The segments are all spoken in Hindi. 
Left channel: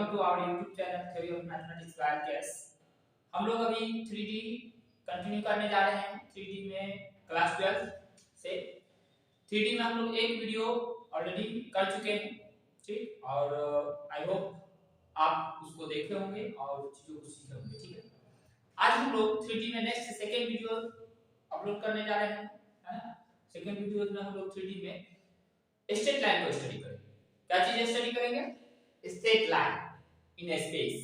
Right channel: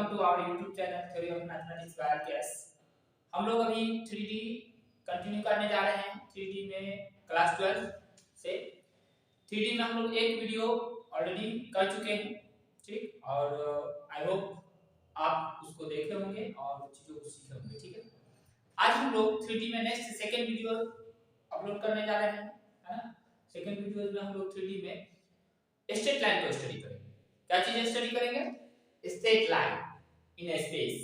Welcome to our YouTube channel theory of mathematics by case. हम लोग अभी 3D कंटिन्यू करने जा रहे हैं। 3D में क्लास 12 से 3D में हम लोग एक वीडियो ऑलरेडी कर चुके हैं, ठीक। और आई होप आप उसको देखे होंगे और चीजों को सीखे होंगे, ठीक है। आज हम लोग 3D में नेक्स्ट सेकेंड वीडियो अपलोड करने जा रहे हैं, है ना। सेकेंड वीडियो में हम लोग 3D में स्ट्रेट लाइन को स्टडी करेंगे। क्या चीज स्टडी करेंगे? स्ट्रेट लाइन इन स्पेस,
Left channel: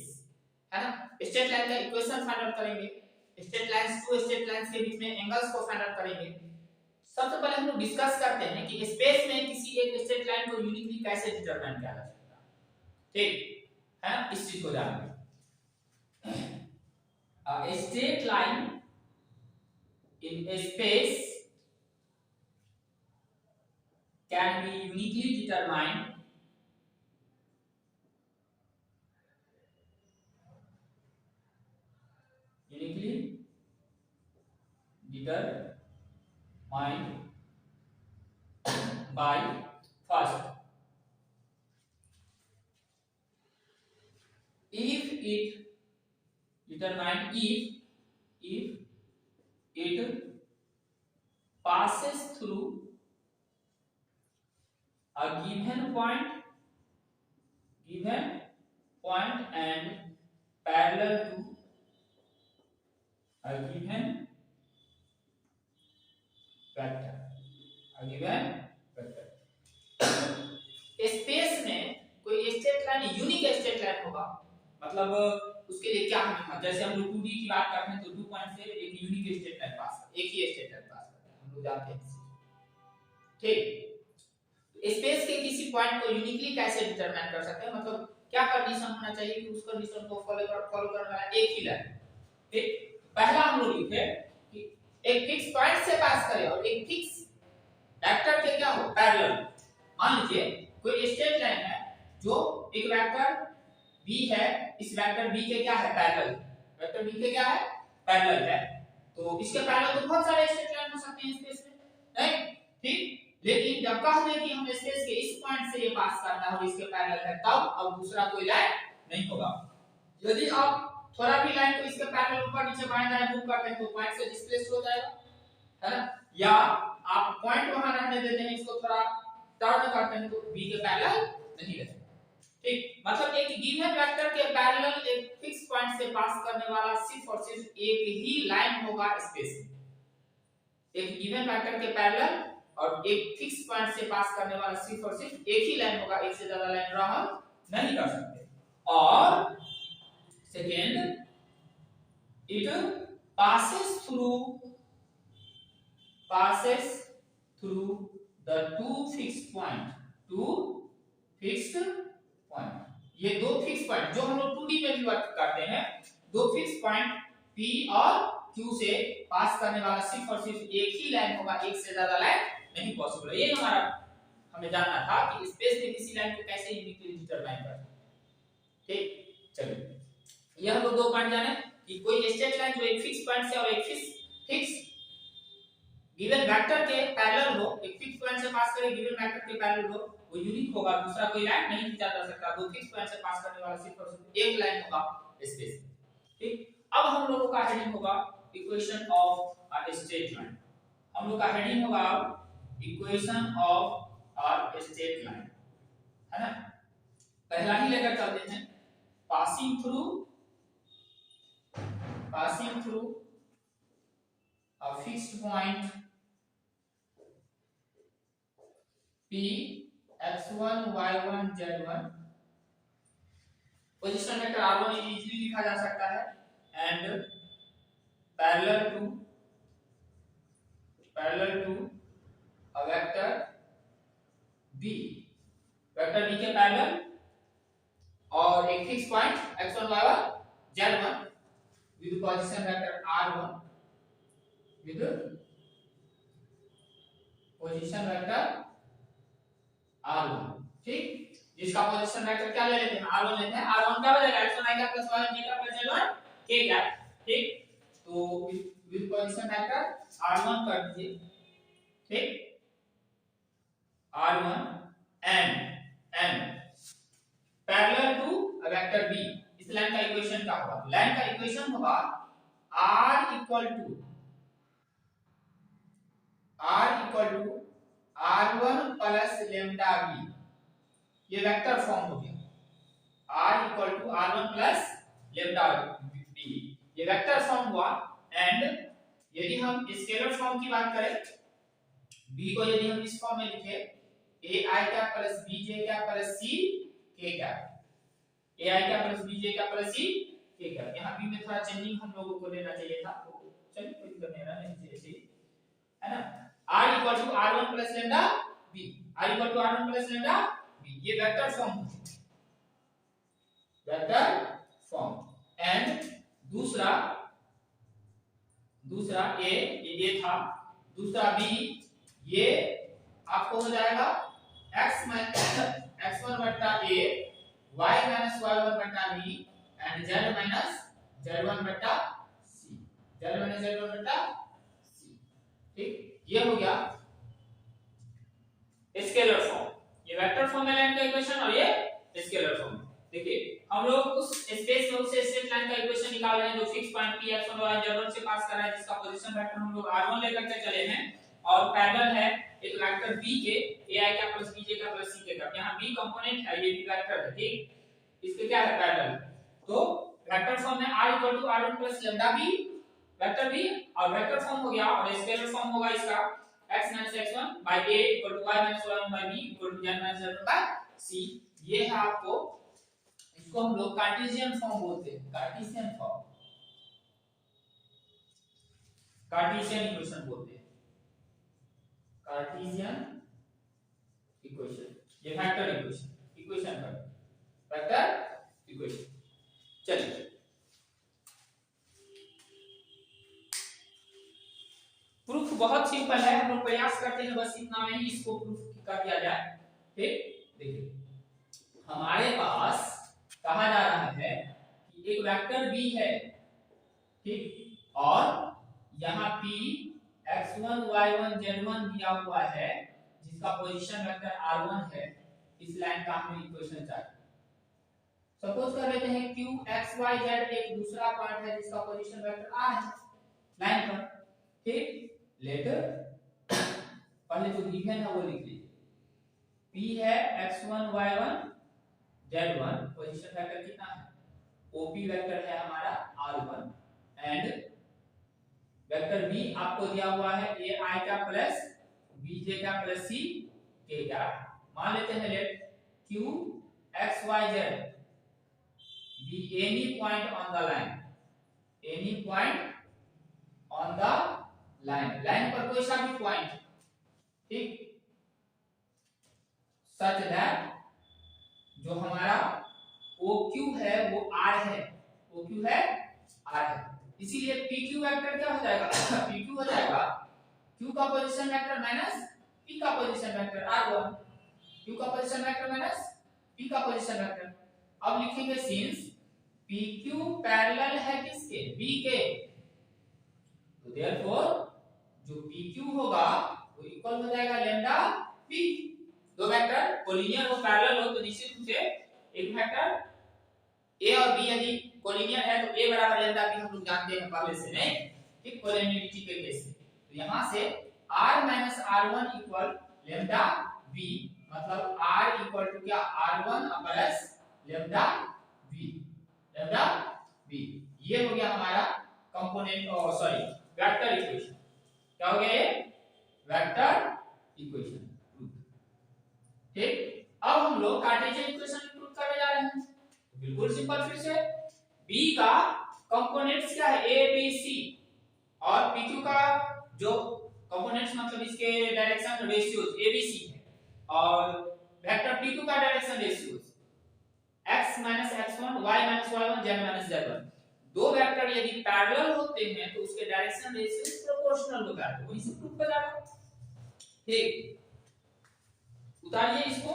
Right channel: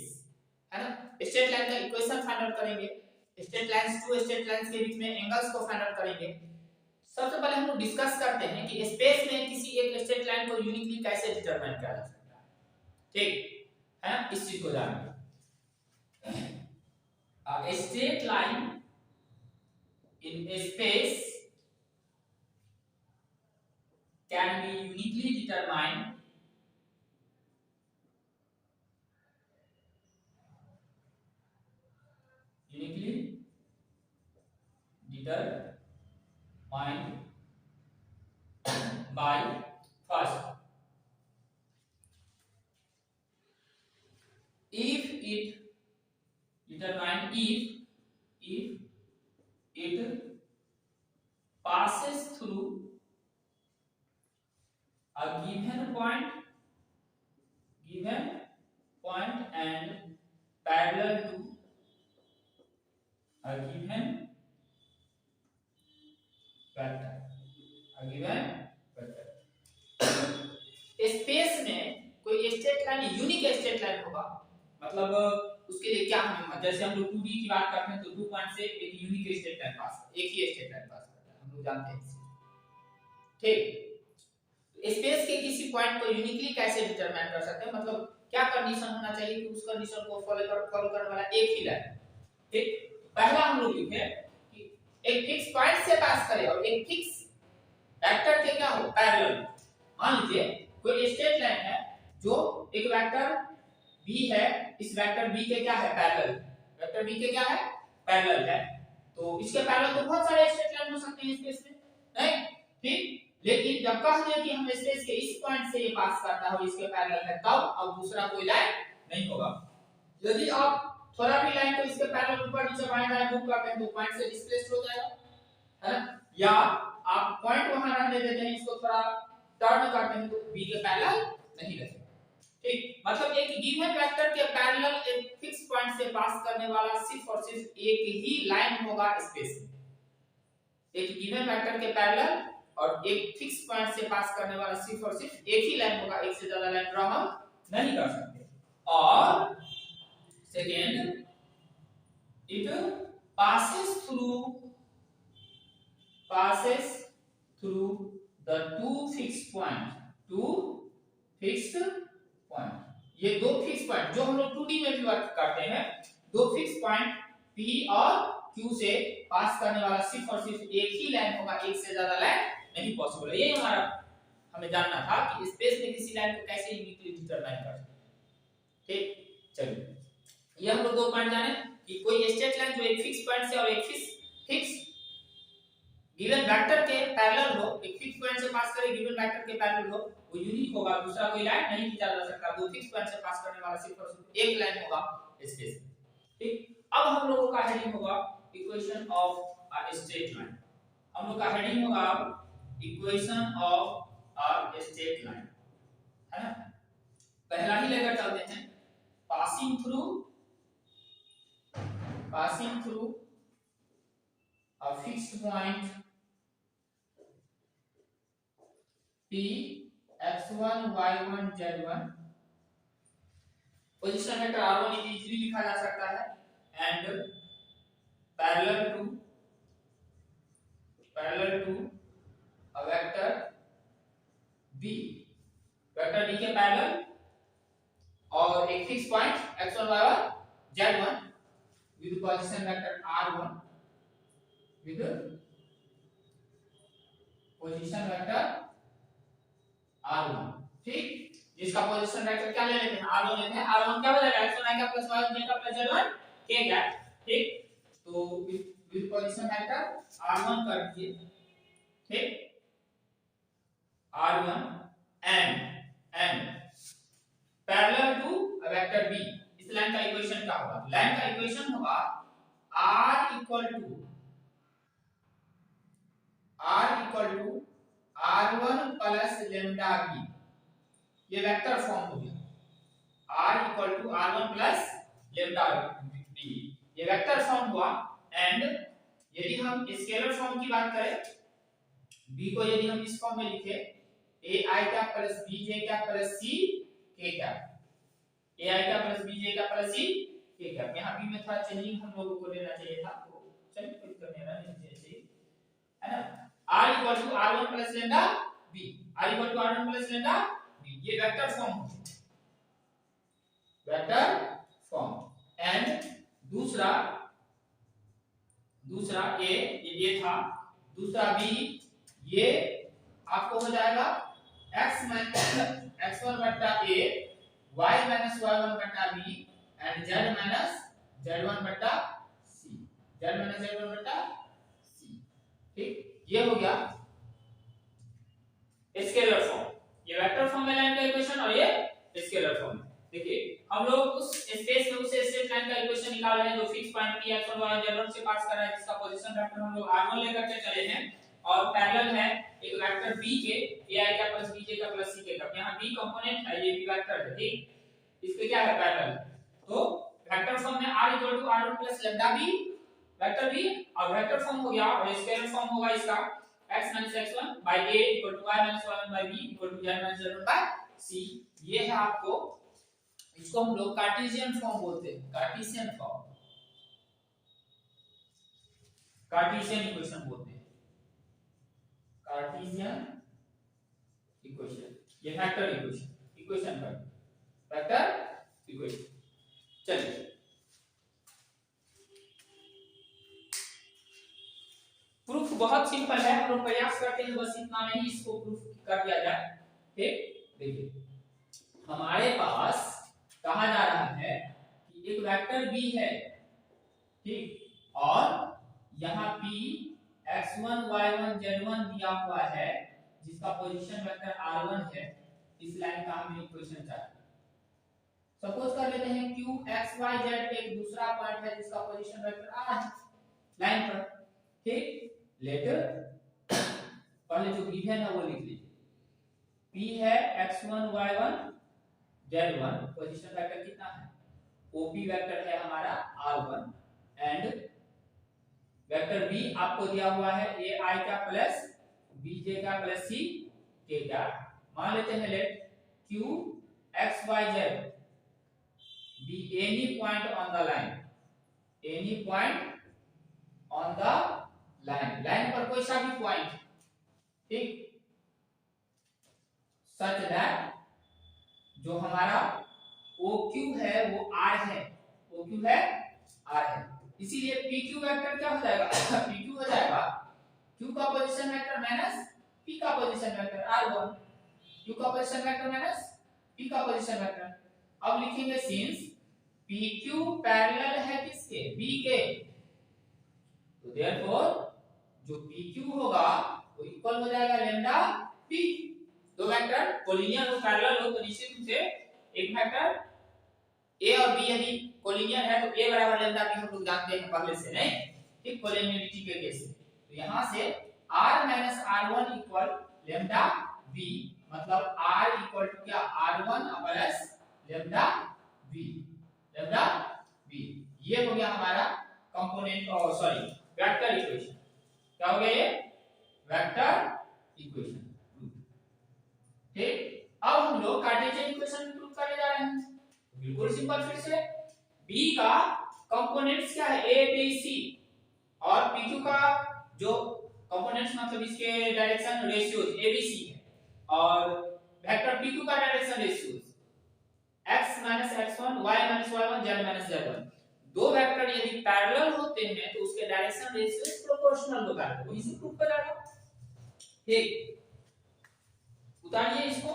है ना। स्ट्रेट लाइन का इक्वेशन फाइंड आउट करेंगे। Straight lines, two straight lines के बीच में एंगल्स को फाइंड आउट करेंगे। सबसे पहले हम लोग डिस्कस करते हैं कि स्पेस में किसी एक स्ट्रेट लाइन को यूनिकली कैसे डिटरमाइन किया जा सकता है, ठीक है ना। इस चीज को जानेंगे। A straight line in a space can be uniquely determined by first, if it passes through a given point and parallel to a given vector, space में कोई straight line unique straight line होगा, मतलब उसके लिए क्या हम, जैसे हम लोग 2D की बात करते हैं तो 2 पॉइंट से एक यूनिक स्ट्रेट लाइन पास करते हैं, एक ही स्ट्रेट लाइन पास करते हैं, हम लोग जानते हैं, ठीक। स्पेस के किसी पॉइंट को यूनिकली कैसे डिटरमाइन कर सकते हैं, मतलब क्या कंडीशन होना चाहिए कि उस कंडीशन को फॉलो करने वाला एक ही लाइन, ठीक। पहला हम लोग लिखे कि एक फिक्स पॉइंट से पास करे और एक फिक्स वेक्टर के क्या हो, पैरेलल। मान लीजिए कोई स्ट्रेट लाइन है जो एक वेक्टर b है, इस वेक्टर b के क्या है, पैरेलल, वेक्टर b के क्या है, पैरेलल है। तो इसके पैरेलल तो बहुत सारे स्ट्रेट लाइन हो सकते हैं स्पेस में, नहीं, ठीक। लेकिन जब कह दें कि हम स्पेस के इस पॉइंट से ये पास करना है और इसके पैरेलल है, तब अब दूसरा कोई लाइन नहीं होगा। यदि आप थोड़ा भी लाइन को इसके पैरेलल ऊपर नीचे बाएं दाएं मूव करते हैं तो पॉइंट से डिस्प्लेस हो जाएगा, है ना। या आप पॉइंट वहां रहने देते हैं, इसको थोड़ा टर्न करते हैं तो b के पैरेलल नहीं रहेगा, ठीक। मतलब एक गिवन वेक्टर के पैरेलल एक फिक्स पॉइंट से पास करने वाला सिर्फ और सिर्फ एक ही लाइन होगा स्पेस में। एक गिवन वेक्टर के पैरेलल और एक फिक्स पॉइंट से पास करने वाला सिर्फ और सिर्फ एक ही लाइन होगा, एक से ज्यादा लाइन ड्रा हम नहीं कर सकते। और second, it passes through the two fixed point, ये दो फिक्स पॉइंट जो हम लोग 2D में भी वर्क करते हैं, दो फिक्स पॉइंट P और Q से पास करने वाला सिर्फ और सिर्फ एक ही लाइन होगा, एक से ज्यादा लाइन नहीं पॉसिबल है। ये हमारा हमें जानना था कि स्पेस में किसी लाइन को कैसे यूनिकली डिटरमाइन कर सकते हैं, ठीक। चलिए ये हम लोग दो पॉइंट जाने कि कोई स्ट्रेट लाइन जो एक फिक्स पॉइंट से और एक फिक्स गिवन वेक्टर के पैरेलल हो, एक फिक्स पॉइंट से पास करे गिवन वेक्टर के पैरेलल हो, वो यूनिक होगा, दूसरा कोई लाइन नहीं खींचा जा सकता। दो फिक्स पॉइंट से पास करने वाला सिर्फ और सिर्फ एक लाइन होगा स्पेस में, ठीक। अब हम लोगों का हेडिंग होगा equation of a straight line. हम लोग का हेडिंग होगा equation of a straight line, है ना। पहला ही लेकर चलते हैं, passing through a fixed point P x1 y1 z1, position vector r1 easily लिखा जा सकता है, and parallel to a vector b, vector b के पैरेलल और एक fix point x1 y1 z1 with position vector r1 with position vector r1, ठीक। जिसका पोजीशन वेक्टर क्या ले लेते हैं, r1 लेते हैं। r1 क्या बनेगा, x1 i का प्लस y1 j का प्लस z1 k का, ठीक। तो विद पोजीशन वेक्टर r1 कर दीजिए, ठीक। r1 and parallel to vector B, इस लाइन का इक्वेशन क्या होगा? लाइन का इक्वेशन होगा r equal to r1 plus lambda B, ये वेक्टर फॉर्म हो गया। r equal to r1 plus lambda B, ये वेक्टर फॉर्म हुआ। एंड यदि हम स्केलर फॉर्म की बात करें, b को यदि हम इस फॉर्म में लिखे ai cap plus bj cap plus c k cap, ai cap plus bj cap plus c k cap, यहां b में थोड़ा चेंजिंग हम लोगों को लेना चाहिए था, तो चलिए कोई दिक्कत नहीं जैसे है ना। r equal to r1 plus lambda b, r equal to r1 plus lambda b, ये वेक्टर फॉर्म हो गया, वेक्टर फॉर्म। एंड दूसरा a, ये था, दूसरा b, ये आपको हो जाएगा x1 बट्टा a, y माइनस y1 बट्टा b and z minus z1 बट्टा c, z माइनस z1 बट्टा c। ठीक, ये हो गया स्केलर फॉर्म, ये वेक्टर फॉर्म में लाइन का इक्वेशन और ये स्केलर फॉर्म। देखिए हम लोग उस स्पेस में उस स्ट्रेट लाइन का इक्वेशन निकाल रहे हैं जो fix point p x1 y z1 से पास कर रहा है, जिसका पोजीशन वेक्टर हम लोग r1 लेकर के चले हैं और पैरेलल है एक वेक्टर b के ai का प्लस bj का प्लस c का, यहां b कंपोनेंट है, ये भी वेक्टर है। ठीक, इसके क्या है पैरेलल, तो वेक्टर फॉर्म में r equal to r1 plus lambda b vector b, और वेक्टर फॉर्म हो गया और स्केलर फॉर्म होगा इसका x x1 by a equal to y y1 by b equal to z z1 by c। ये है आपको, इसको हम लोग कार्टेशियन फॉर्म बोलते हैं, कार्टेशियन फॉर्म, कार्टेशियन इक्वेशन बोलते हैं, कार्टेशियन इक्वेशन, ये वेक्टर इक्वेशन पर वेक्टर इक्वेशन। चलिए प्रूफ बहुत सिंपल है, हम लोग प्रयास करते हैं बस इतना में ही इसको प्रूफ कर दिया जाए। ठीक, देखिए हमारे पास कहा जा रहा है कि एक वेक्टर b है, ठीक, और यहाँ p x1 y1 z1 दिया हुआ है, जिसका पोजीशन वेक्टर r1 है, इस लाइन का हमें इक्वेशन चाहिए। सपोज कर लेते हैं q x y z एक दूसरा पॉइंट है जिसका पोजीशन वेक्टर r है लाइन पर। ठीक, लेटर पहले जो गिवन है वो लिख लीजिए, p है x1 y1 z1, position vector कितना है, OP वेक्टर है हमारा r1 एंड वेक्टर b आपको दिया हुआ है ai का प्लस bj का प्लस c k का। मान लेते हैं late q x y z be any point on the line, any point on the line, line पर कोई सा भी पॉइंट, ठीक, सच दैट जो हमारा OQ है वो R है, OQ है R है, इसीलिए PQ वेक्टर क्या हो जाएगा PQ हो जाएगा Q का पोजीशन वेक्टर माइनस P का पोजीशन वेक्टर R1, Q का पोजीशन वेक्टर माइनस P का पोजीशन वेक्टर। अब लिखेंगे सिंस PQ पैरेलल है किसके, B के, तो देयरफॉर जो PQ होगा वो इक्वल हो जाएगा लैम्डा P। दो वेक्टर कोलिनियर हो पैरेलल हो तो निश्चित रूप से एक वेक्टर a और b यदि कोलिनियर है तो a बराबर लैम्डा b हम लोग जानते हैं पहले से, नहीं, ठीक, कोलिनियरिटी के केस में। तो यहां से r minus r1 equal lambda b, मतलब r इक्वल टू क्या r1 plus lambda b, lambda b, ये हो गया हमारा कंपोनेंट और सॉरी वेक्टर इक्वेशन। क्या हो गया ये वेक्टर इक्वेशन। ठीक, अब हम लोग कार्टेशियन इक्वेशन प्रूव करने जा रहे हैं। बिल्कुल सिंपल, फिर से b का कंपोनेंट्स क्या है a b c और pq का जो कंपोनेंट्स मतलब इसके direction ratios a b c है और वेक्टर pq का direction ratios x x1 y y1 z z1। दो वेक्टर यदि पैरेलल होते हैं तो उसके डायरेक्शन रेशियोज प्रोपोर्शनल होता है, वही से प्रूव कर जाएगा। ठीक, उतारिए इसको,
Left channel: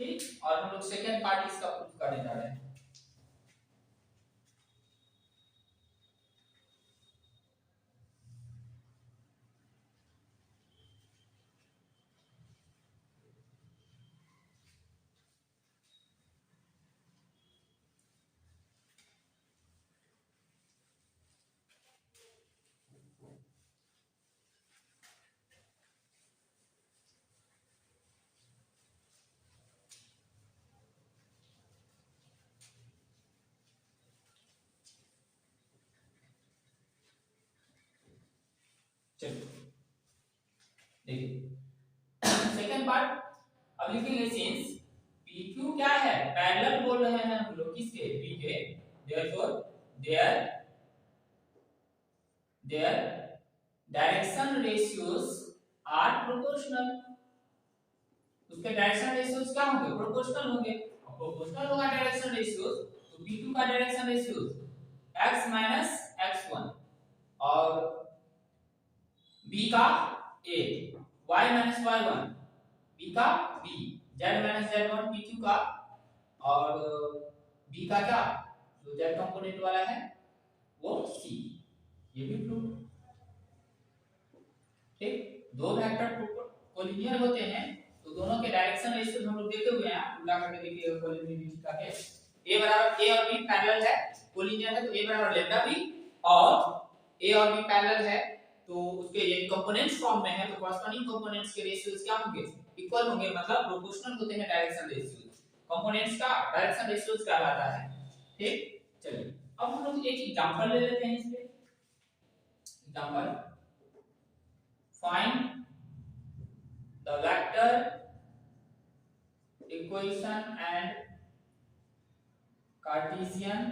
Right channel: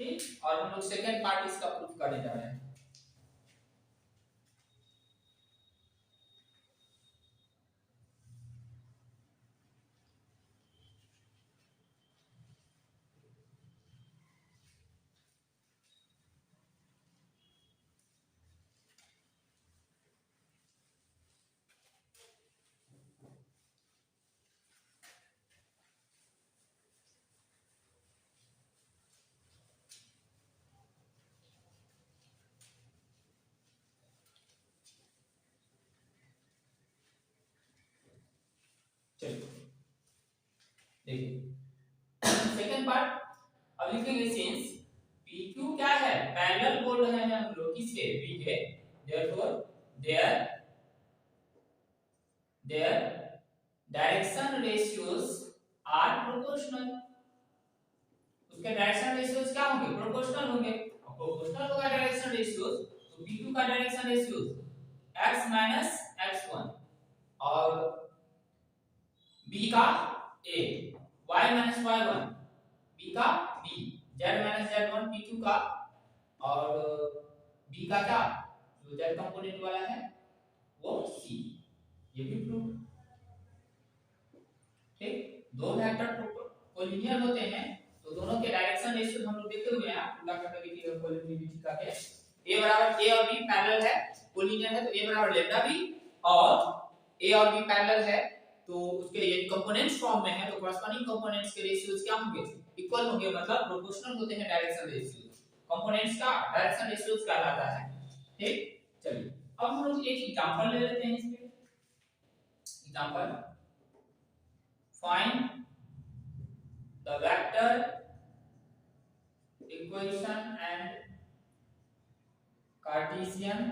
ठीक, और हम लोग सेकंड पार्ट इसका प्रूफ करने जा रहे हैं। देखिए सेकंड पार्ट अब लिखेंगे सिंस PQ क्या है, पैरेलल बोल रहे हैं हम लोग किसके, P के, therefore their direction ratios are proportional, उसके डायरेक्शन रेशियोज क्या होंगे, प्रोपोर्शनल होंगे। अब प्रोपोर्शनल होगा डायरेक्शन रेशियोज तो P2 का direction ratios x minus x1 और B का A, y minus y1 B का B, z minus z1 PQ का, और B का क्या जो z कंपोनेंट वाला है वो C, ये भी प्रूव। ठीक, दो वेक्टर कोलिनियर होते हैं तो दोनों के डायरेक्शन रेशियो हम लोग देखे हुए हैं, उल्टा करके देखिए कोलिनियरिटी का केस a बराबर a और b पैरेलल है, कोलिनियर है तो a बराबर लैम्डा b, और a और b पैरेलल है तो उसके ये कंपोनेंट्स फॉर्म में है तो कॉरस्पॉन्डिंग कंपोनेंट्स के रेशियोज क्या होंगे, इक्वल होंगे, मतलब प्रोपोर्शनल होते हैं डायरेक्शन रेशियोज, कंपोनेंट्स का डायरेक्शन रेशियोज कहलाता है। ठीक, चलिए अब हम लोग एक एग्जांपल ले लेते हैं इसमें। Example, find the vector equation and Cartesian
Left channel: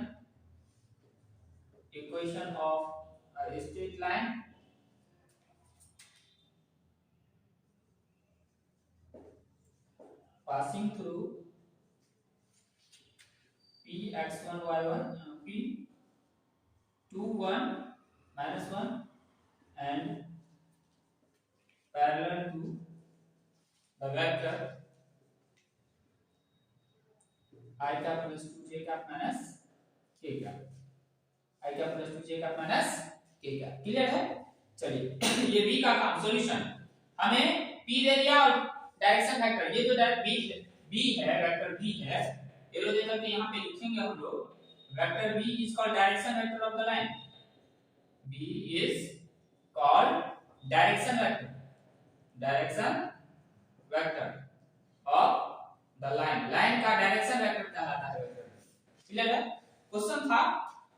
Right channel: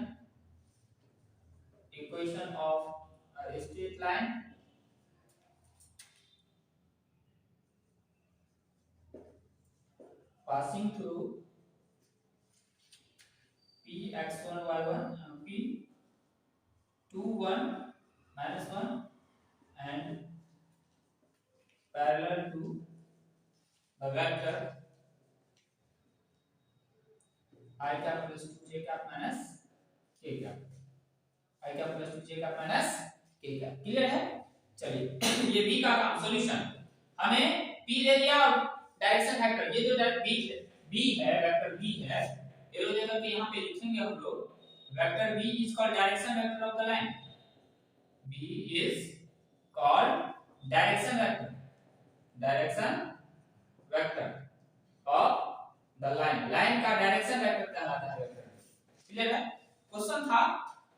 equation of a straight line passing through P x1 y1 P 2 1 minus 1 and parallel to the vector I cap plus 2j cap minus k cap, I cap plus 2j cap minus k cap, clear है। चलिए ये b का काम सॉल्यूशन, हमें p दे दिया और डायरेक्शन वेक्टर, ये जो b है वेक्टर b है, एरो दे करके यहां पे लिखेंगे हम लोग vector b is called direction vector of the line, b is called direction vector of the line, line का डायरेक्शन वेक्टर कहलाता है वेक्टर, क्लियर है। क्वेश्चन था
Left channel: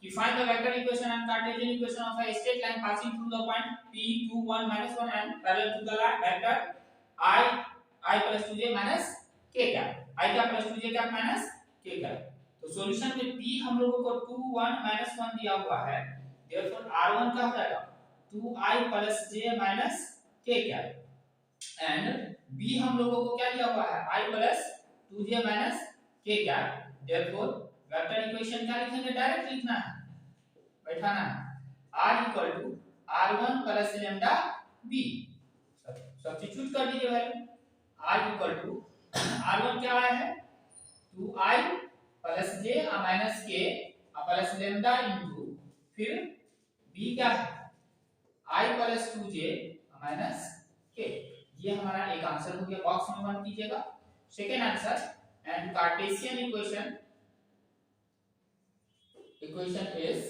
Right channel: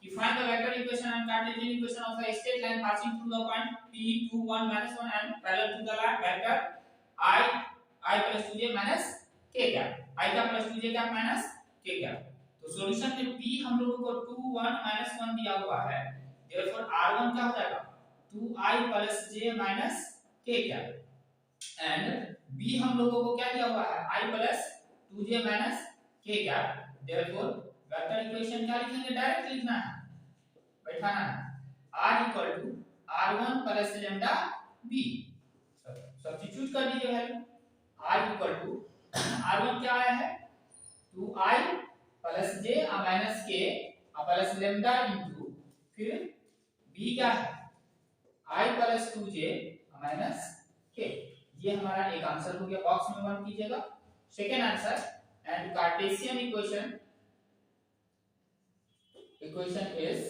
कि find the vector equation and Cartesian equation of a straight line passing through the point p 2 1 1 and parallel to the vector I plus 2j minus k cap, I का plus 2j cap minus k cap। तो सॉल्यूशन में p हम लोगों को 2 1 1 दिया हुआ है, therefore r1 क्या हो जाएगा 2i plus j minus k cap and b हम लोगों को क्या दिया हुआ है i plus 2j minus k cap, therefore vector equation क्या लिखेंगे, डायरेक्ट लिखना है, बैठाना है r equal to r1 plus lambda b, substitute कर दीजिए value, r equal to r1 क्या आया है 2i plus j minus k plus lambda into फिर b क्या है i plus 2j minus k, ये हमारा एक आंसर हो गया, बॉक्स में 1 कीजिएगा। Second answer, and Cartesian equation is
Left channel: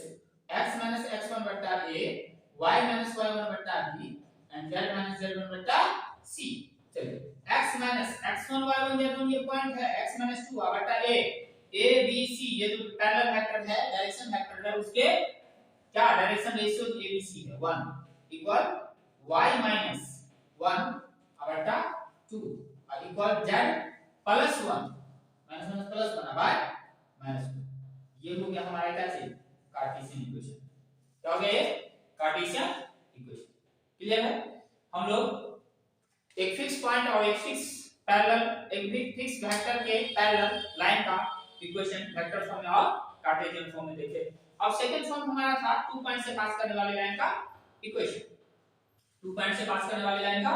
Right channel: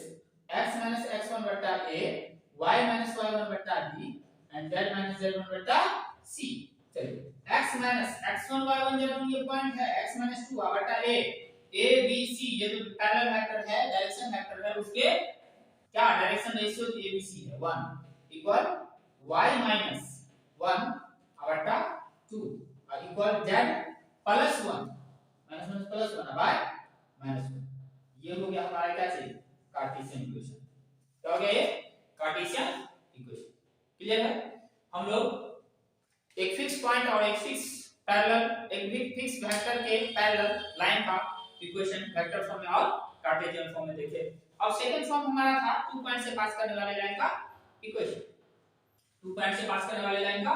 x minus x1 बट्टा a, y minus y1 बट्टा b and z minus z1 बट्टा c। चलिए x minus x1 y1 z1 ये पॉइंट है, x minus 2 बट्टा a, a b c ये जो पैरेलल वेक्टर है डायरेक्शन वेक्टर है उसके क्या direction ratio a b c है 1 इक्वल y minus 1 बट्टा 2 equal z plus 1 minus plus 1 bye minus 1, ये हो गया हमारा क्या चीज कार्टेशियन इक्वेशन, क्या हो गया ये कार्टेशियन इक्वेशन, क्लियर है। हम लोग एक फिक्स पॉइंट और एक फिक्स पैरेलल, एक फिक्स वेक्टर के पैरेलल लाइन का इक्वेशन वेक्टर फॉर्म में और कार्टेशियन फॉर्म में देखे। अब सेकंड फॉर्म हमारा था 2 पॉइंट से पास करने वाले लाइन का इक्वेशन, 2 पॉइंट से पास करने वाले लाइन का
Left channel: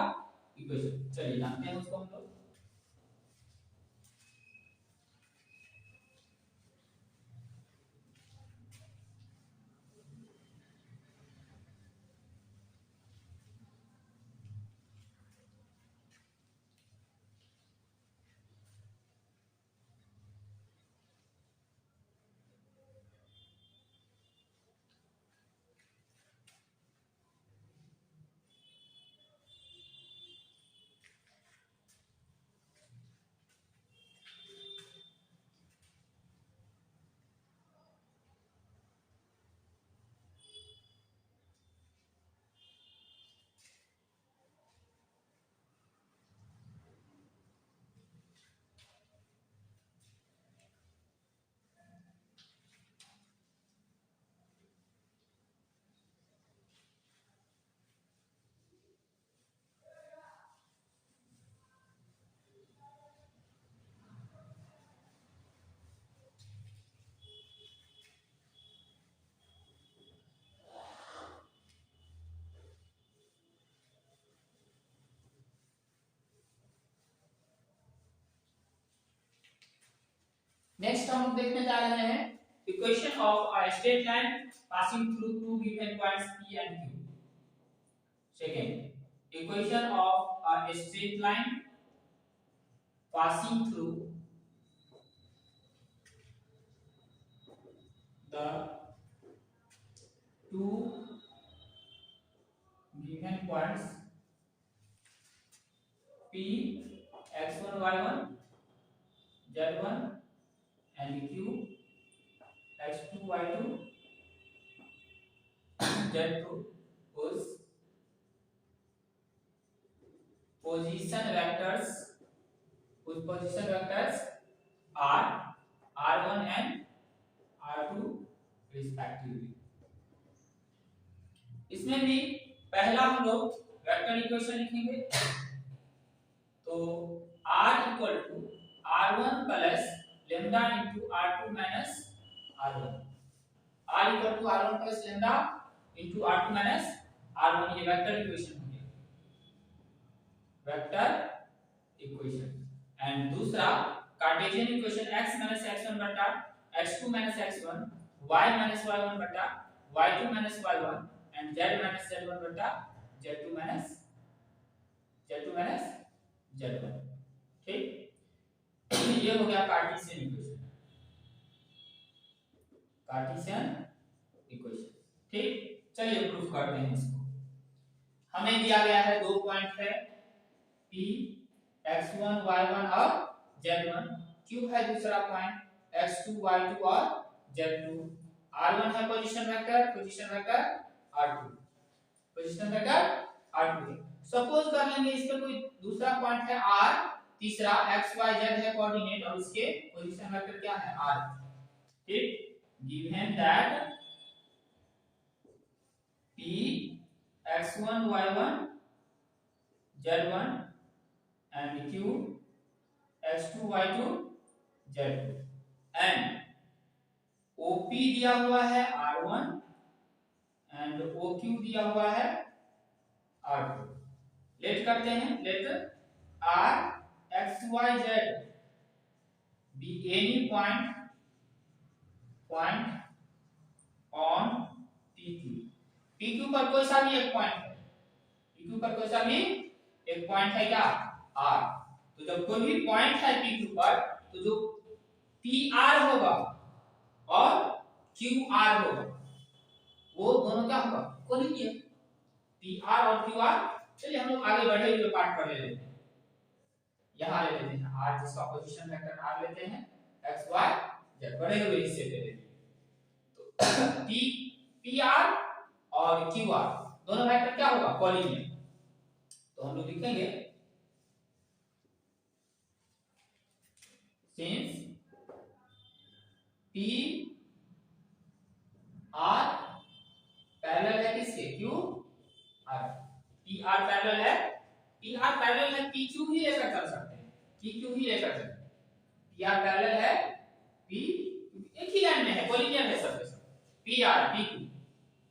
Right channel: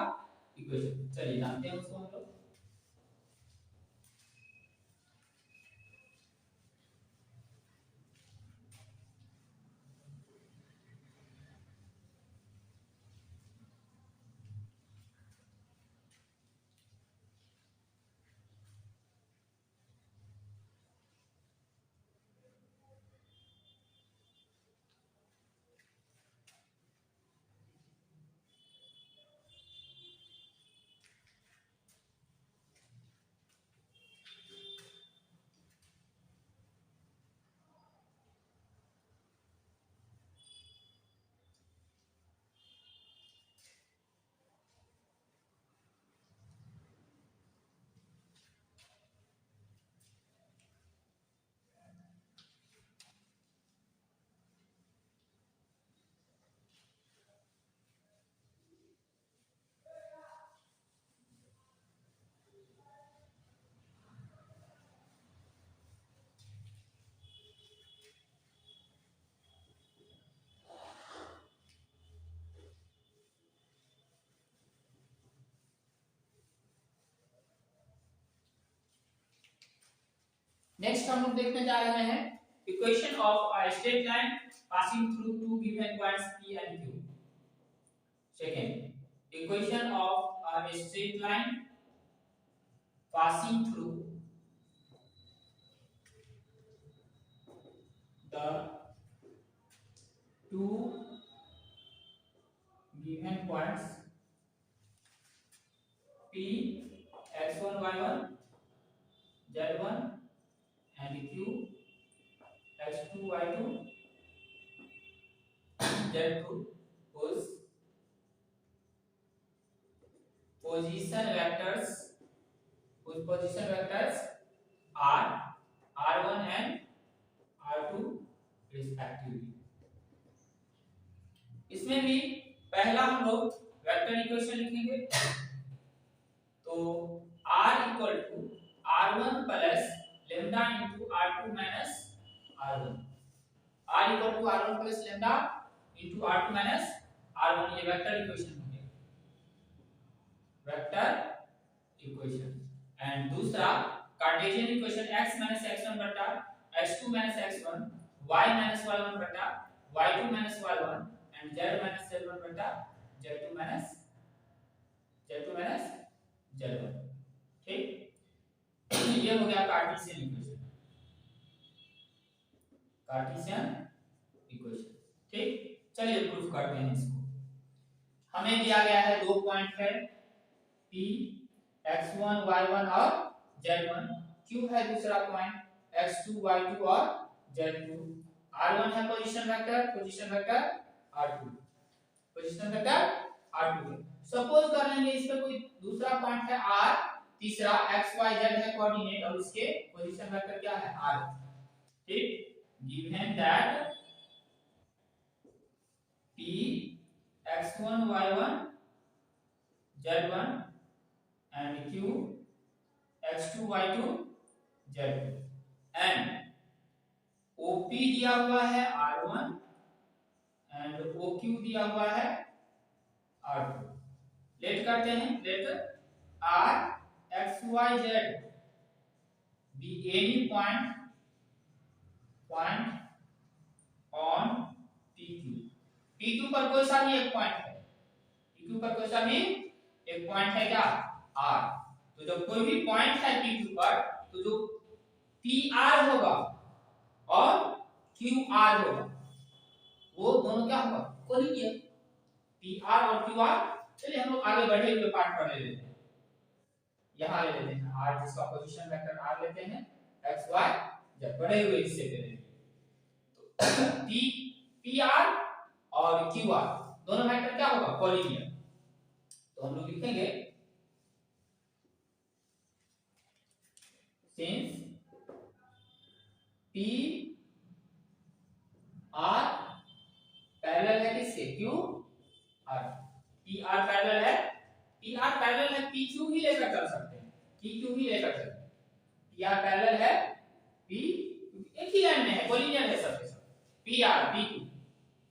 इक्वेशन, चलिए जानते हैं उसको हम लोग। नेक्स्ट हम लोग देखने जा रहे हैं equation of a straight line passing through two given points P and Q. Second, equation of a straight line passing through the two given points P x1 y1 z1 and Q x2 y2 z2 whose position vectors are r1 and r2 respectively. इसमें भी पहला हम लोग वेक्टर इक्वेशन लिखेंगे, तो r equal to r1 plus lambda into r2 minus r1, r equal to r1 plus lambda into r2 minus r1, ये वेक्टर इक्वेशन हो गया, वेक्टर इक्वेशन। एंड दूसरा Cartesian equation x minus x1 बटा x2 minus x1, y minus y1 बटा y2 minus y1 and z minus z1 बटा z2 माइनस z1। ठीक, ये हो गया कार्टेशियन इक्वेशन, कार्टेशियन इक्वेशन। ठीक, चलिए प्रूफ करते हैं इसको। हमें दिया गया है दो पॉइंट है P x1 y1 और z1, Q है दूसरा पॉइंट x2 y2 और z2, r1 है position vector r2, position vector r2 है। सपोज कर लेंगे इस पे कोई दूसरा पॉइंट है r, तीसरा x y z है कोऑर्डिनेट और उसके पोजीशन वेक्टर क्या है r। ठीक, given that P x1 y1 z1 and Q x2 y2 z2 and OP दिया हुआ है r1 and OQ दिया हुआ है r2। लेट करते हैं, late r x y z be any point on PQ पर कोई सा भी एक पॉइंट है, PQ पर कोई सा भी एक पॉइंट है क्या r। तो जब कोई भी पॉइंट है PQ पर, तो जो PR होगा और QR होगा वो दोनों क्या होगा, कोलिनियर, PR और QR। चलिए हम लोग आगे बढ़े हुए पार्ट पर ले लेते हैं, यहाँ ले लेते हैं r, जिसका पोजीशन वेक्टर r लेते हैं x y z, बढ़े हुए हिस्से पे लेते हैं। तो PR और QR दोनों वेक्टर क्या होगा, कोलिनियर। तो हम लोग लिखेंगे since P R पैरेलल है किससे, Q R, P R parallel है, P R पैरेलल है P Q ही लेकर चल सकते हैं, P Q ही लेकर चल, P R पैरेलल है P, एक ही लाइन में है, कोलिनियर है सबके सब, P R P Q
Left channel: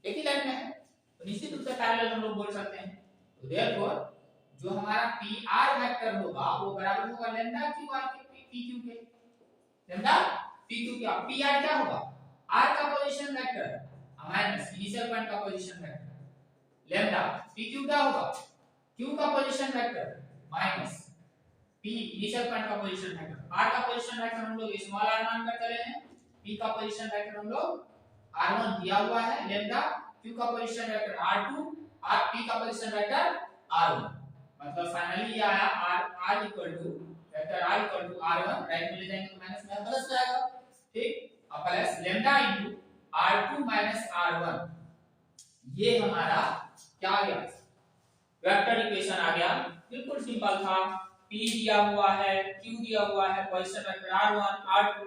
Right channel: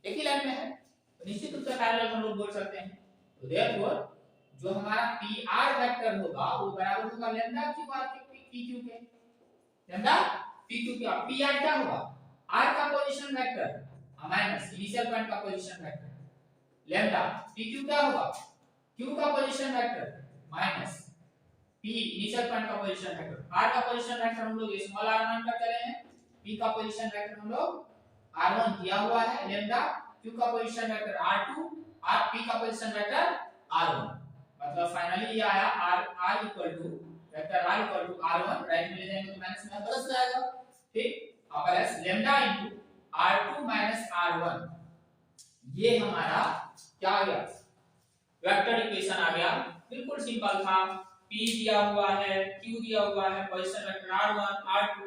एक ही लाइन में है, तो निश्चित रूप से पैरेलल हम लोग बोल सकते हैं। तो देयरफॉर जो हमारा P R वेक्टर होगा वो बराबर होगा लैम्डा Q R के P Q के, लैम्डा P Q का। P R क्या होगा, R का position vector minus initial point का position vector, lambda P Q क्या होगा, Q का position vector minus P initial point का पोजीशन वेक्टर। R का पोजीशन वेक्टर हम लोग स्मॉल r मान कर चले हैं, P का पोजीशन वेक्टर हम लोग r1 दिया हुआ है, लैम्डा Q का पोजीशन वेक्टर r2 और P का पोजीशन वेक्टर r1। मतलब फाइनली ये आया r equal to vector r equal to r1, right में ले जाएंगे तो माइनस में प्लस जाएगा। ठीक, और plus lambda into r2 minus r1, ये हमारा क्या आ गया, वेक्टर इक्वेशन आ गया। बिल्कुल सिंपल था, P दिया हुआ है, Q दिया हुआ है, position vector r1 r2,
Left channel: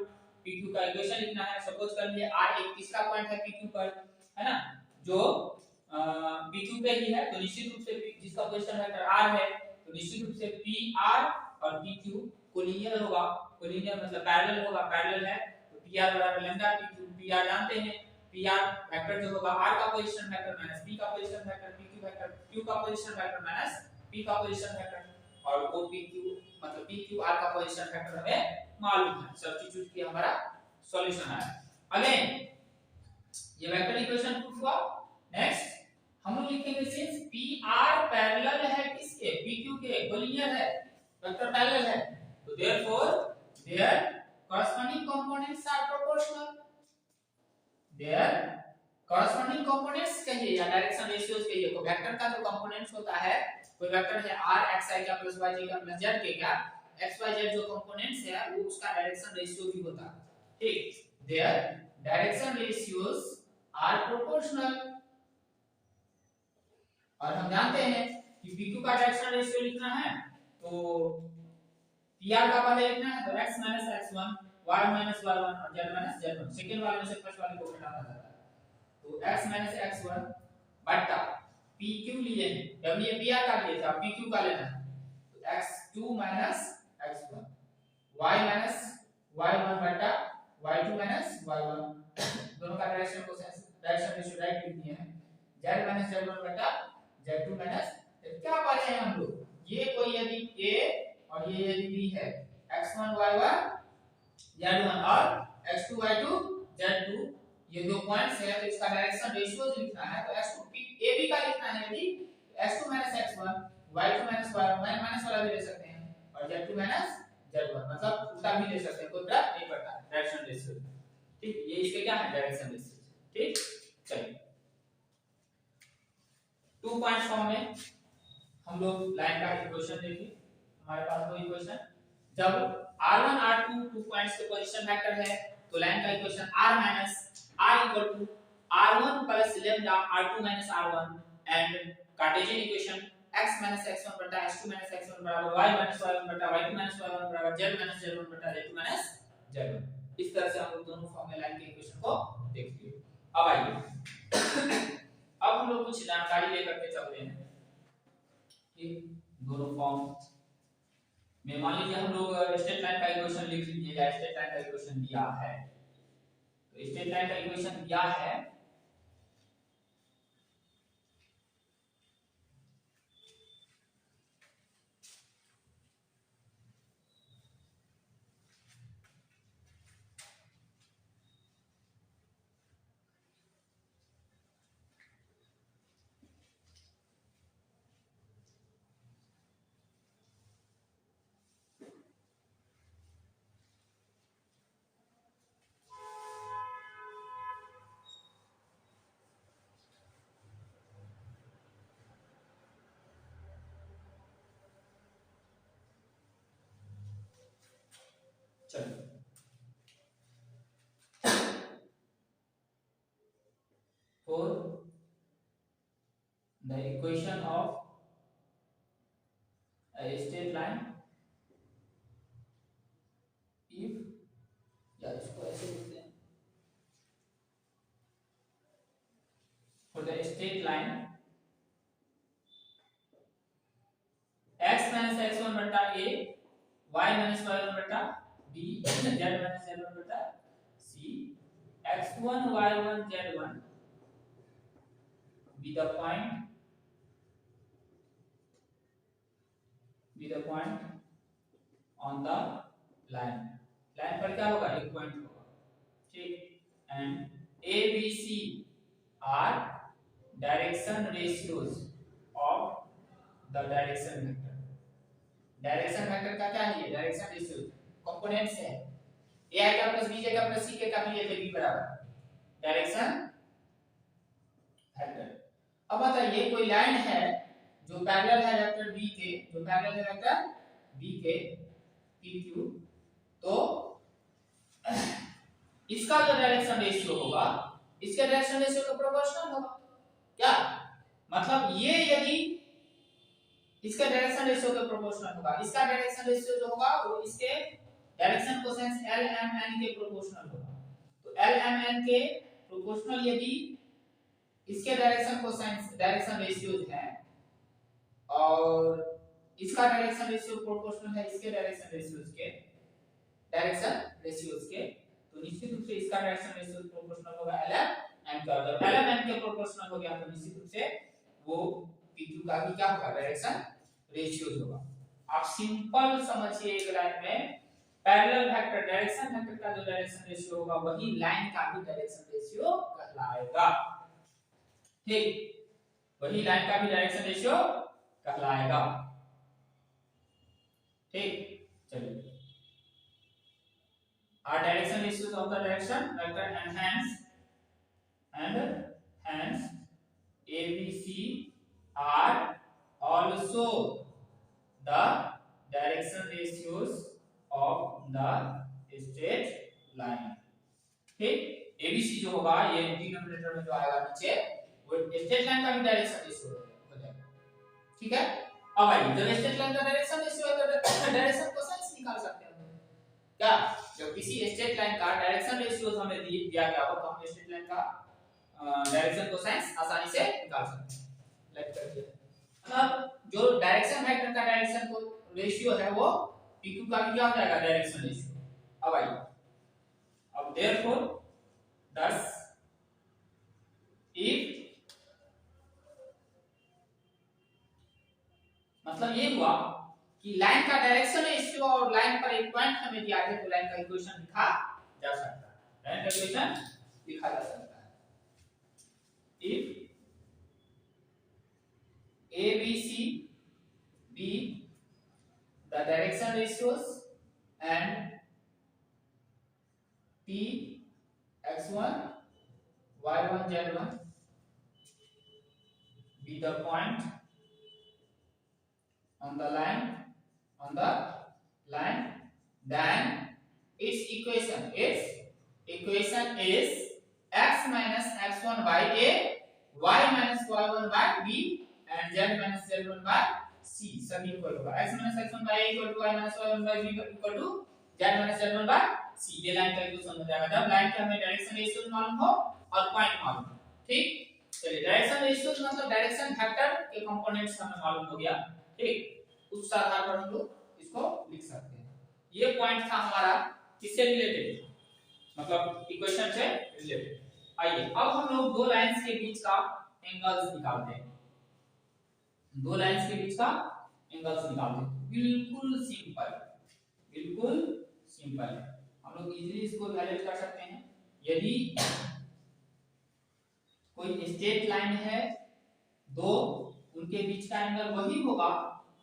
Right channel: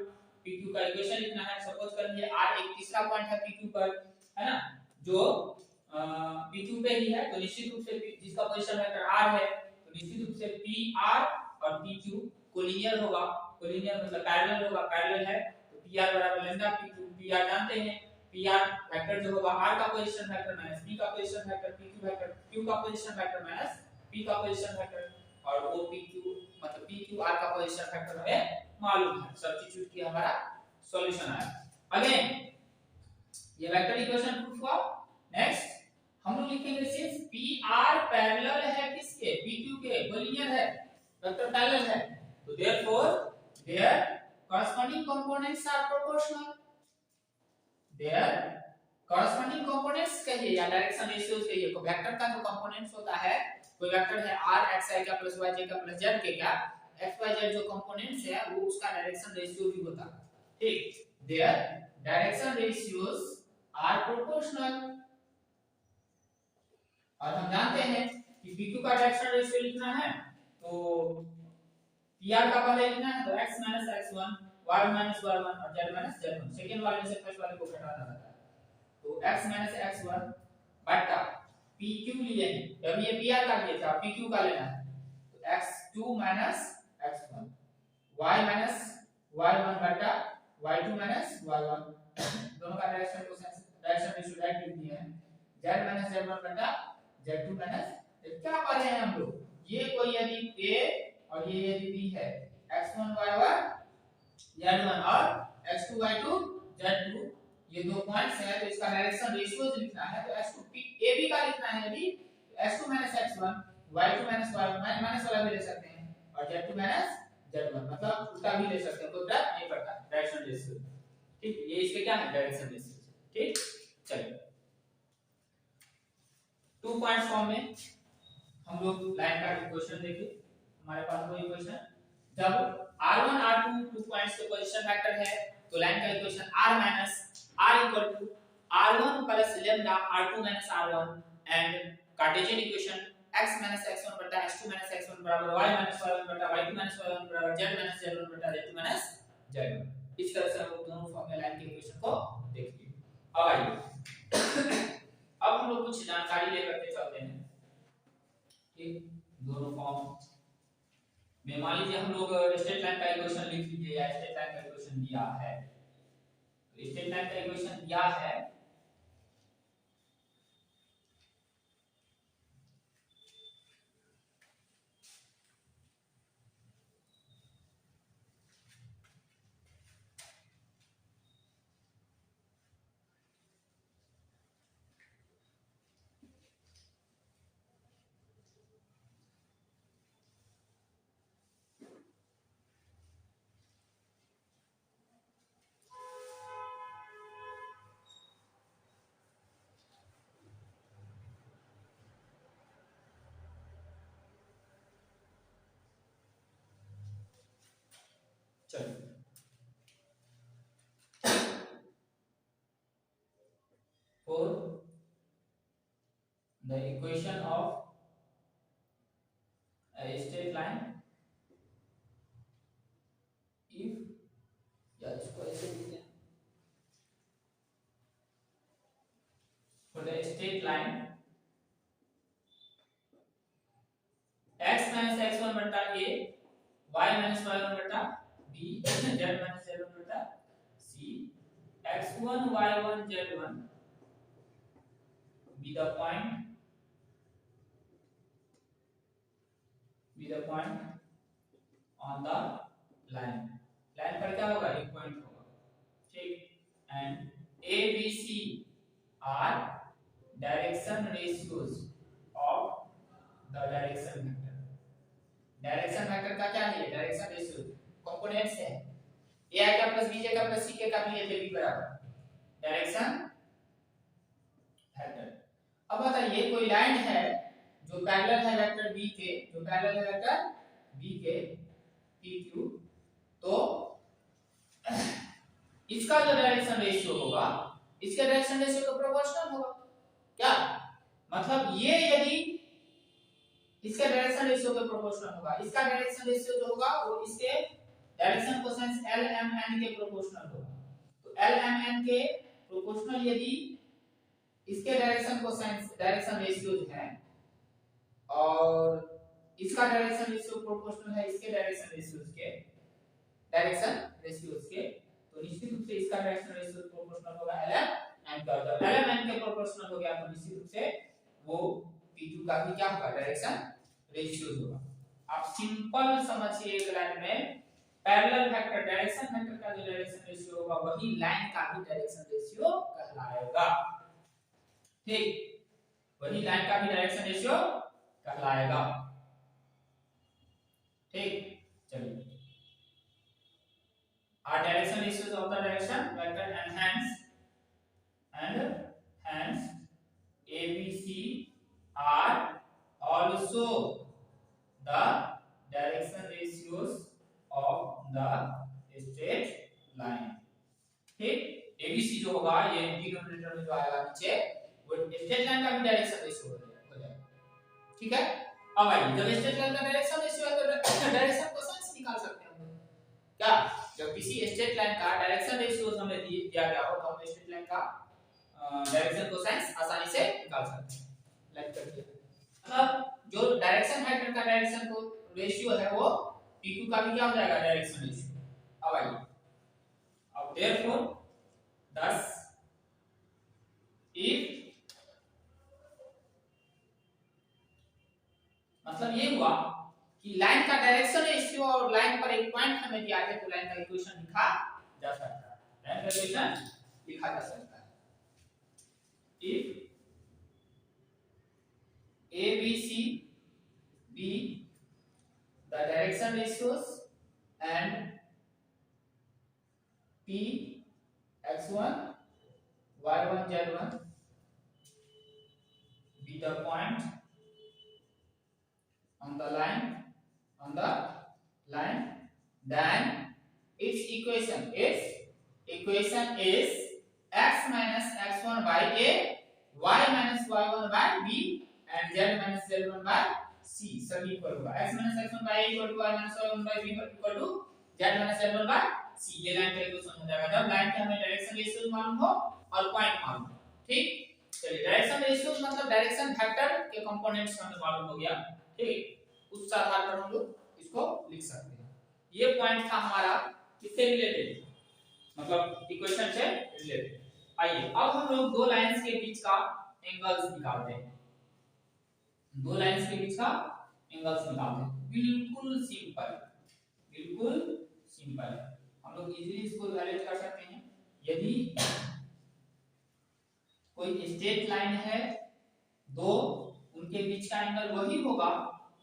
PQ का इक्वेशन लिखना है। सपोज कर लिए r एक तीसरा पॉइंट है PQ पर, है ना, जो PQ पे ही है, तो निश्चित रूप से जिसका पोजीशन वेक्टर r है, तो निश्चित रूप से PR और PQ कोलिनियर होगा, कोलिनियर मतलब पैरेलल होगा, पैरेलल है तो PR बराबर लैम्डा PQ, PR जानते हैं, PR वेक्टर जो होगा r का पोजीशन वेक्टर माइनस P का position vector, PQ vector Q का पोजीशन वेक्टर माइनस P का पोजीशन वेक्टर, और वो PQ मतलब PQR का पोजीशन फैक्टर हमें मालूम है, सब्स्टिट्यूट किया हमारा सॉल्यूशन आया। अगेन ये वेक्टर इक्वेशन प्रूफ हुआ। नेक्स्ट हम लोग लिखेंगे सिंस PR पैरेलल है किसके, PQ के, वो लीनियर है, वेक्टर पैरेलल है, तो therefore there corresponding components are proportional, their corresponding components कहिए या डायरेक्शन रेशियोज कहिए, को वेक्टर का जो कंपोनेंट्स होता है, कोई वेक्टर है r xi का प्लस yj का प्लस z के का, xyz जो कंपोनेंट्स है वो उसका डायरेक्शन रेशियो भी होता है, ठीक, their direction ratios are proportional। और हम जानते हैं कि PQ का डायरेक्शन रेशियो लिखना है तो PR का पहले लिखना है तो x x1 y y1 और z z1, सेकंड वाले में से फर्स्ट वाले को घटाना रहता है, तो x x1 बटा PQ लिए हैं, जब ये PR का लिए था PQ का लेना है तो x2 x1 y y1 बटा y2 y1 दोनों का डायरेक्शन को डायरेक्शन रेशियो राइट लिख दिए हैं, z z1 बटा z2 क्या पढ़े हैं हम लोग, ये कोई यदि A और ये यदि B है, x1 y1 z1 और x2 y2 z2, ये दो पॉइंट्स हैं तो इसका डायरेक्शन रेशियोज लिखना है तो x2 AB का लिखना है यदि x2 x1 y2 y1 minus वाला भी ले सकते हैं और z2 z1 मतलब उल्टा भी ले सकते हैं, कोई फर्क नहीं पड़ता डायरेक्शन रेशियो, ठीक, ये इसके क्या है डायरेक्शन रेशियो, ठीक। चलिए 2 पॉइंट फॉर्म में हम लोग लाइन का इक्वेशन देखिए, हमारे पास वो इक्वेशन जब r1 r2 2 पॉइंट्स के पोजीशन वेक्टर है तो लाइन का equation r r r1 plus lambda r2 r1 and Cartesian equation x x1 बटा x2 x1 बराबर y y1 बटा y2 y1 बराबर z z1 बटा z2 z1, इस तरह से हम लोग दोनों फॉर्म में लाइन के इक्वेशन को देखिए। अब आइए अब हम लोग कुछ जानकारी लेकर के चलते हैं कि दोनों फॉर्म में मान लीजिए हम लोग स्ट्रेट लाइन का इक्वेशन लिख लीजिए या स्ट्रेट लाइन का इक्वेशन दिया है, तो स्ट्रेट लाइन का इक्वेशन दिया है for the equation of a straight line if या इसको ऐसे लिखते हैं for the straight line x x1 बटा a y y1 बटा b z z1 बटा c x1 y1 z1 be the point on the line पर क्या होगा एक पॉइंट होगा, ठीक, and a b c are direction ratios of the direction vector। Direction vector का क्या है, डायरेक्शन रेशियो कंपोनेंट्स है, a का प्लस b का प्लस c का लिए थे b बराबर डायरेक्शन वेक्टर। अब बताइए कोई लाइन है जो पैरेलल है वेक्टर b के, जो पैरेलल है वेक्टर b के pq, तो इसका जो डायरेक्शन रेशियो होगा इसके डायरेक्शन रेशियो के प्रोपोर्शनल होगा, क्या मतलब ये यदि इसका डायरेक्शन रेशियो के प्रोपोर्शनल होगा, इसका डायरेक्शन रेशियो जो होगा वो इसके डायरेक्शन कोसाइन LMN के प्रोपोर्शनल होगा, तो LMN के प्रोपोर्शनल यदि इसके डायरेक्शन कोसाइन डायरेक्शन रेशियोज है और इसका डायरेक्शन रेशियो प्रोपोर्शनल है इसके डायरेक्शन रेशियोज के, तो निश्चित रूप से इसका डायरेक्शन रेशियो प्रोपोर्शनल होगा LMN का, अगर LMN के प्रोपोर्शनल हो गया तो निश्चित रूप से वो PQ का भी क्या होगा डायरेक्शन रेशियोज होगा। आप सिंपल समझिए एक लाइन में पैरेलल वेक्टर डायरेक्शन वेक्टर का जो डायरेक्शन रेशियो होगा वही लाइन का भी डायरेक्शन रेशियो कहलाएगा। ठीक, वही लाइन का भी डायरेक्शन रेशियो कहलाएगा। ठीक, चलिए our direction ratios of the direction vector and hence ABC are also the direction ratios of the straight line। ठीक, ABC जो होगा ये डिनोमिनेटर में जो आएगा नीचे वो स्ट्रेट लाइन का भी डायरेक्शन रेशियो हो जाएगा। ठीक है, अब आइए जब स्ट्रेट लाइन का डायरेक्शन रेशियो है तो डायरेक्शन कोसाइन निकाल सकते हैं हम क्या। जब किसी स्ट्रेट लाइन का डायरेक्शन रेशियो हमें दिया गया हो तो हम स्ट्रेट लाइन का डायरेक्शन कोसाइन आसानी से निकाल सकते हैं। लाइक करके अब जो डायरेक्शन वेक्टर का डायरेक्शन को रेशियो है वो PQ का भी क्या हो जाएगा डायरेक्शन रेशियो। अब आइए अब देयरफॉर thus if मतलब ये हुआ कि लाइन का डायरेक्शन रेशियो और लाइन पर एक पॉइंट हमें दिया है तो लाइन का इक्वेशन लिखा जा सकता है। लाइन का इक्वेशन लिखा जा सकता है if ABC be the direction ratios and P x1 y1 z1 be the point on the line then its equation is x minus x1 by a y minus y1 by b and z minus z1 by c सभी इक्वल होगा। x minus x1 by a equal to y minus y1 by b equal to z minus z1 by c। ये लाइन का इक्वेशन हो जाएगा जब लाइन के हमें डायरेक्शन रेशियो मालूम हो और पॉइंट मालूम हो। ठीक, चलिए डायरेक्शन रेशियो मतलब डायरेक्शन वेक्टर के कंपोनेंट्स हमें मालूम हो गया। ठीक, उस आधार पर हम लोग इसको लिख सकते हैं। ये पॉइंट था हमारा किससे रिलेटेड मतलब इक्वेशन से रिलेटेड। आइए अब हम लोग दो लाइंस के बीच का एंगल्स निकालते हैं। दो लाइंस के बीच का एंगल्स निकालते हैं। बिल्कुल सिंपल है, हम लोग इजीली इसको वैल्यूएट कर सकते हैं। यदि कोई स्ट्रेट लाइन है दो, उनके बीच का एंगल वही होगा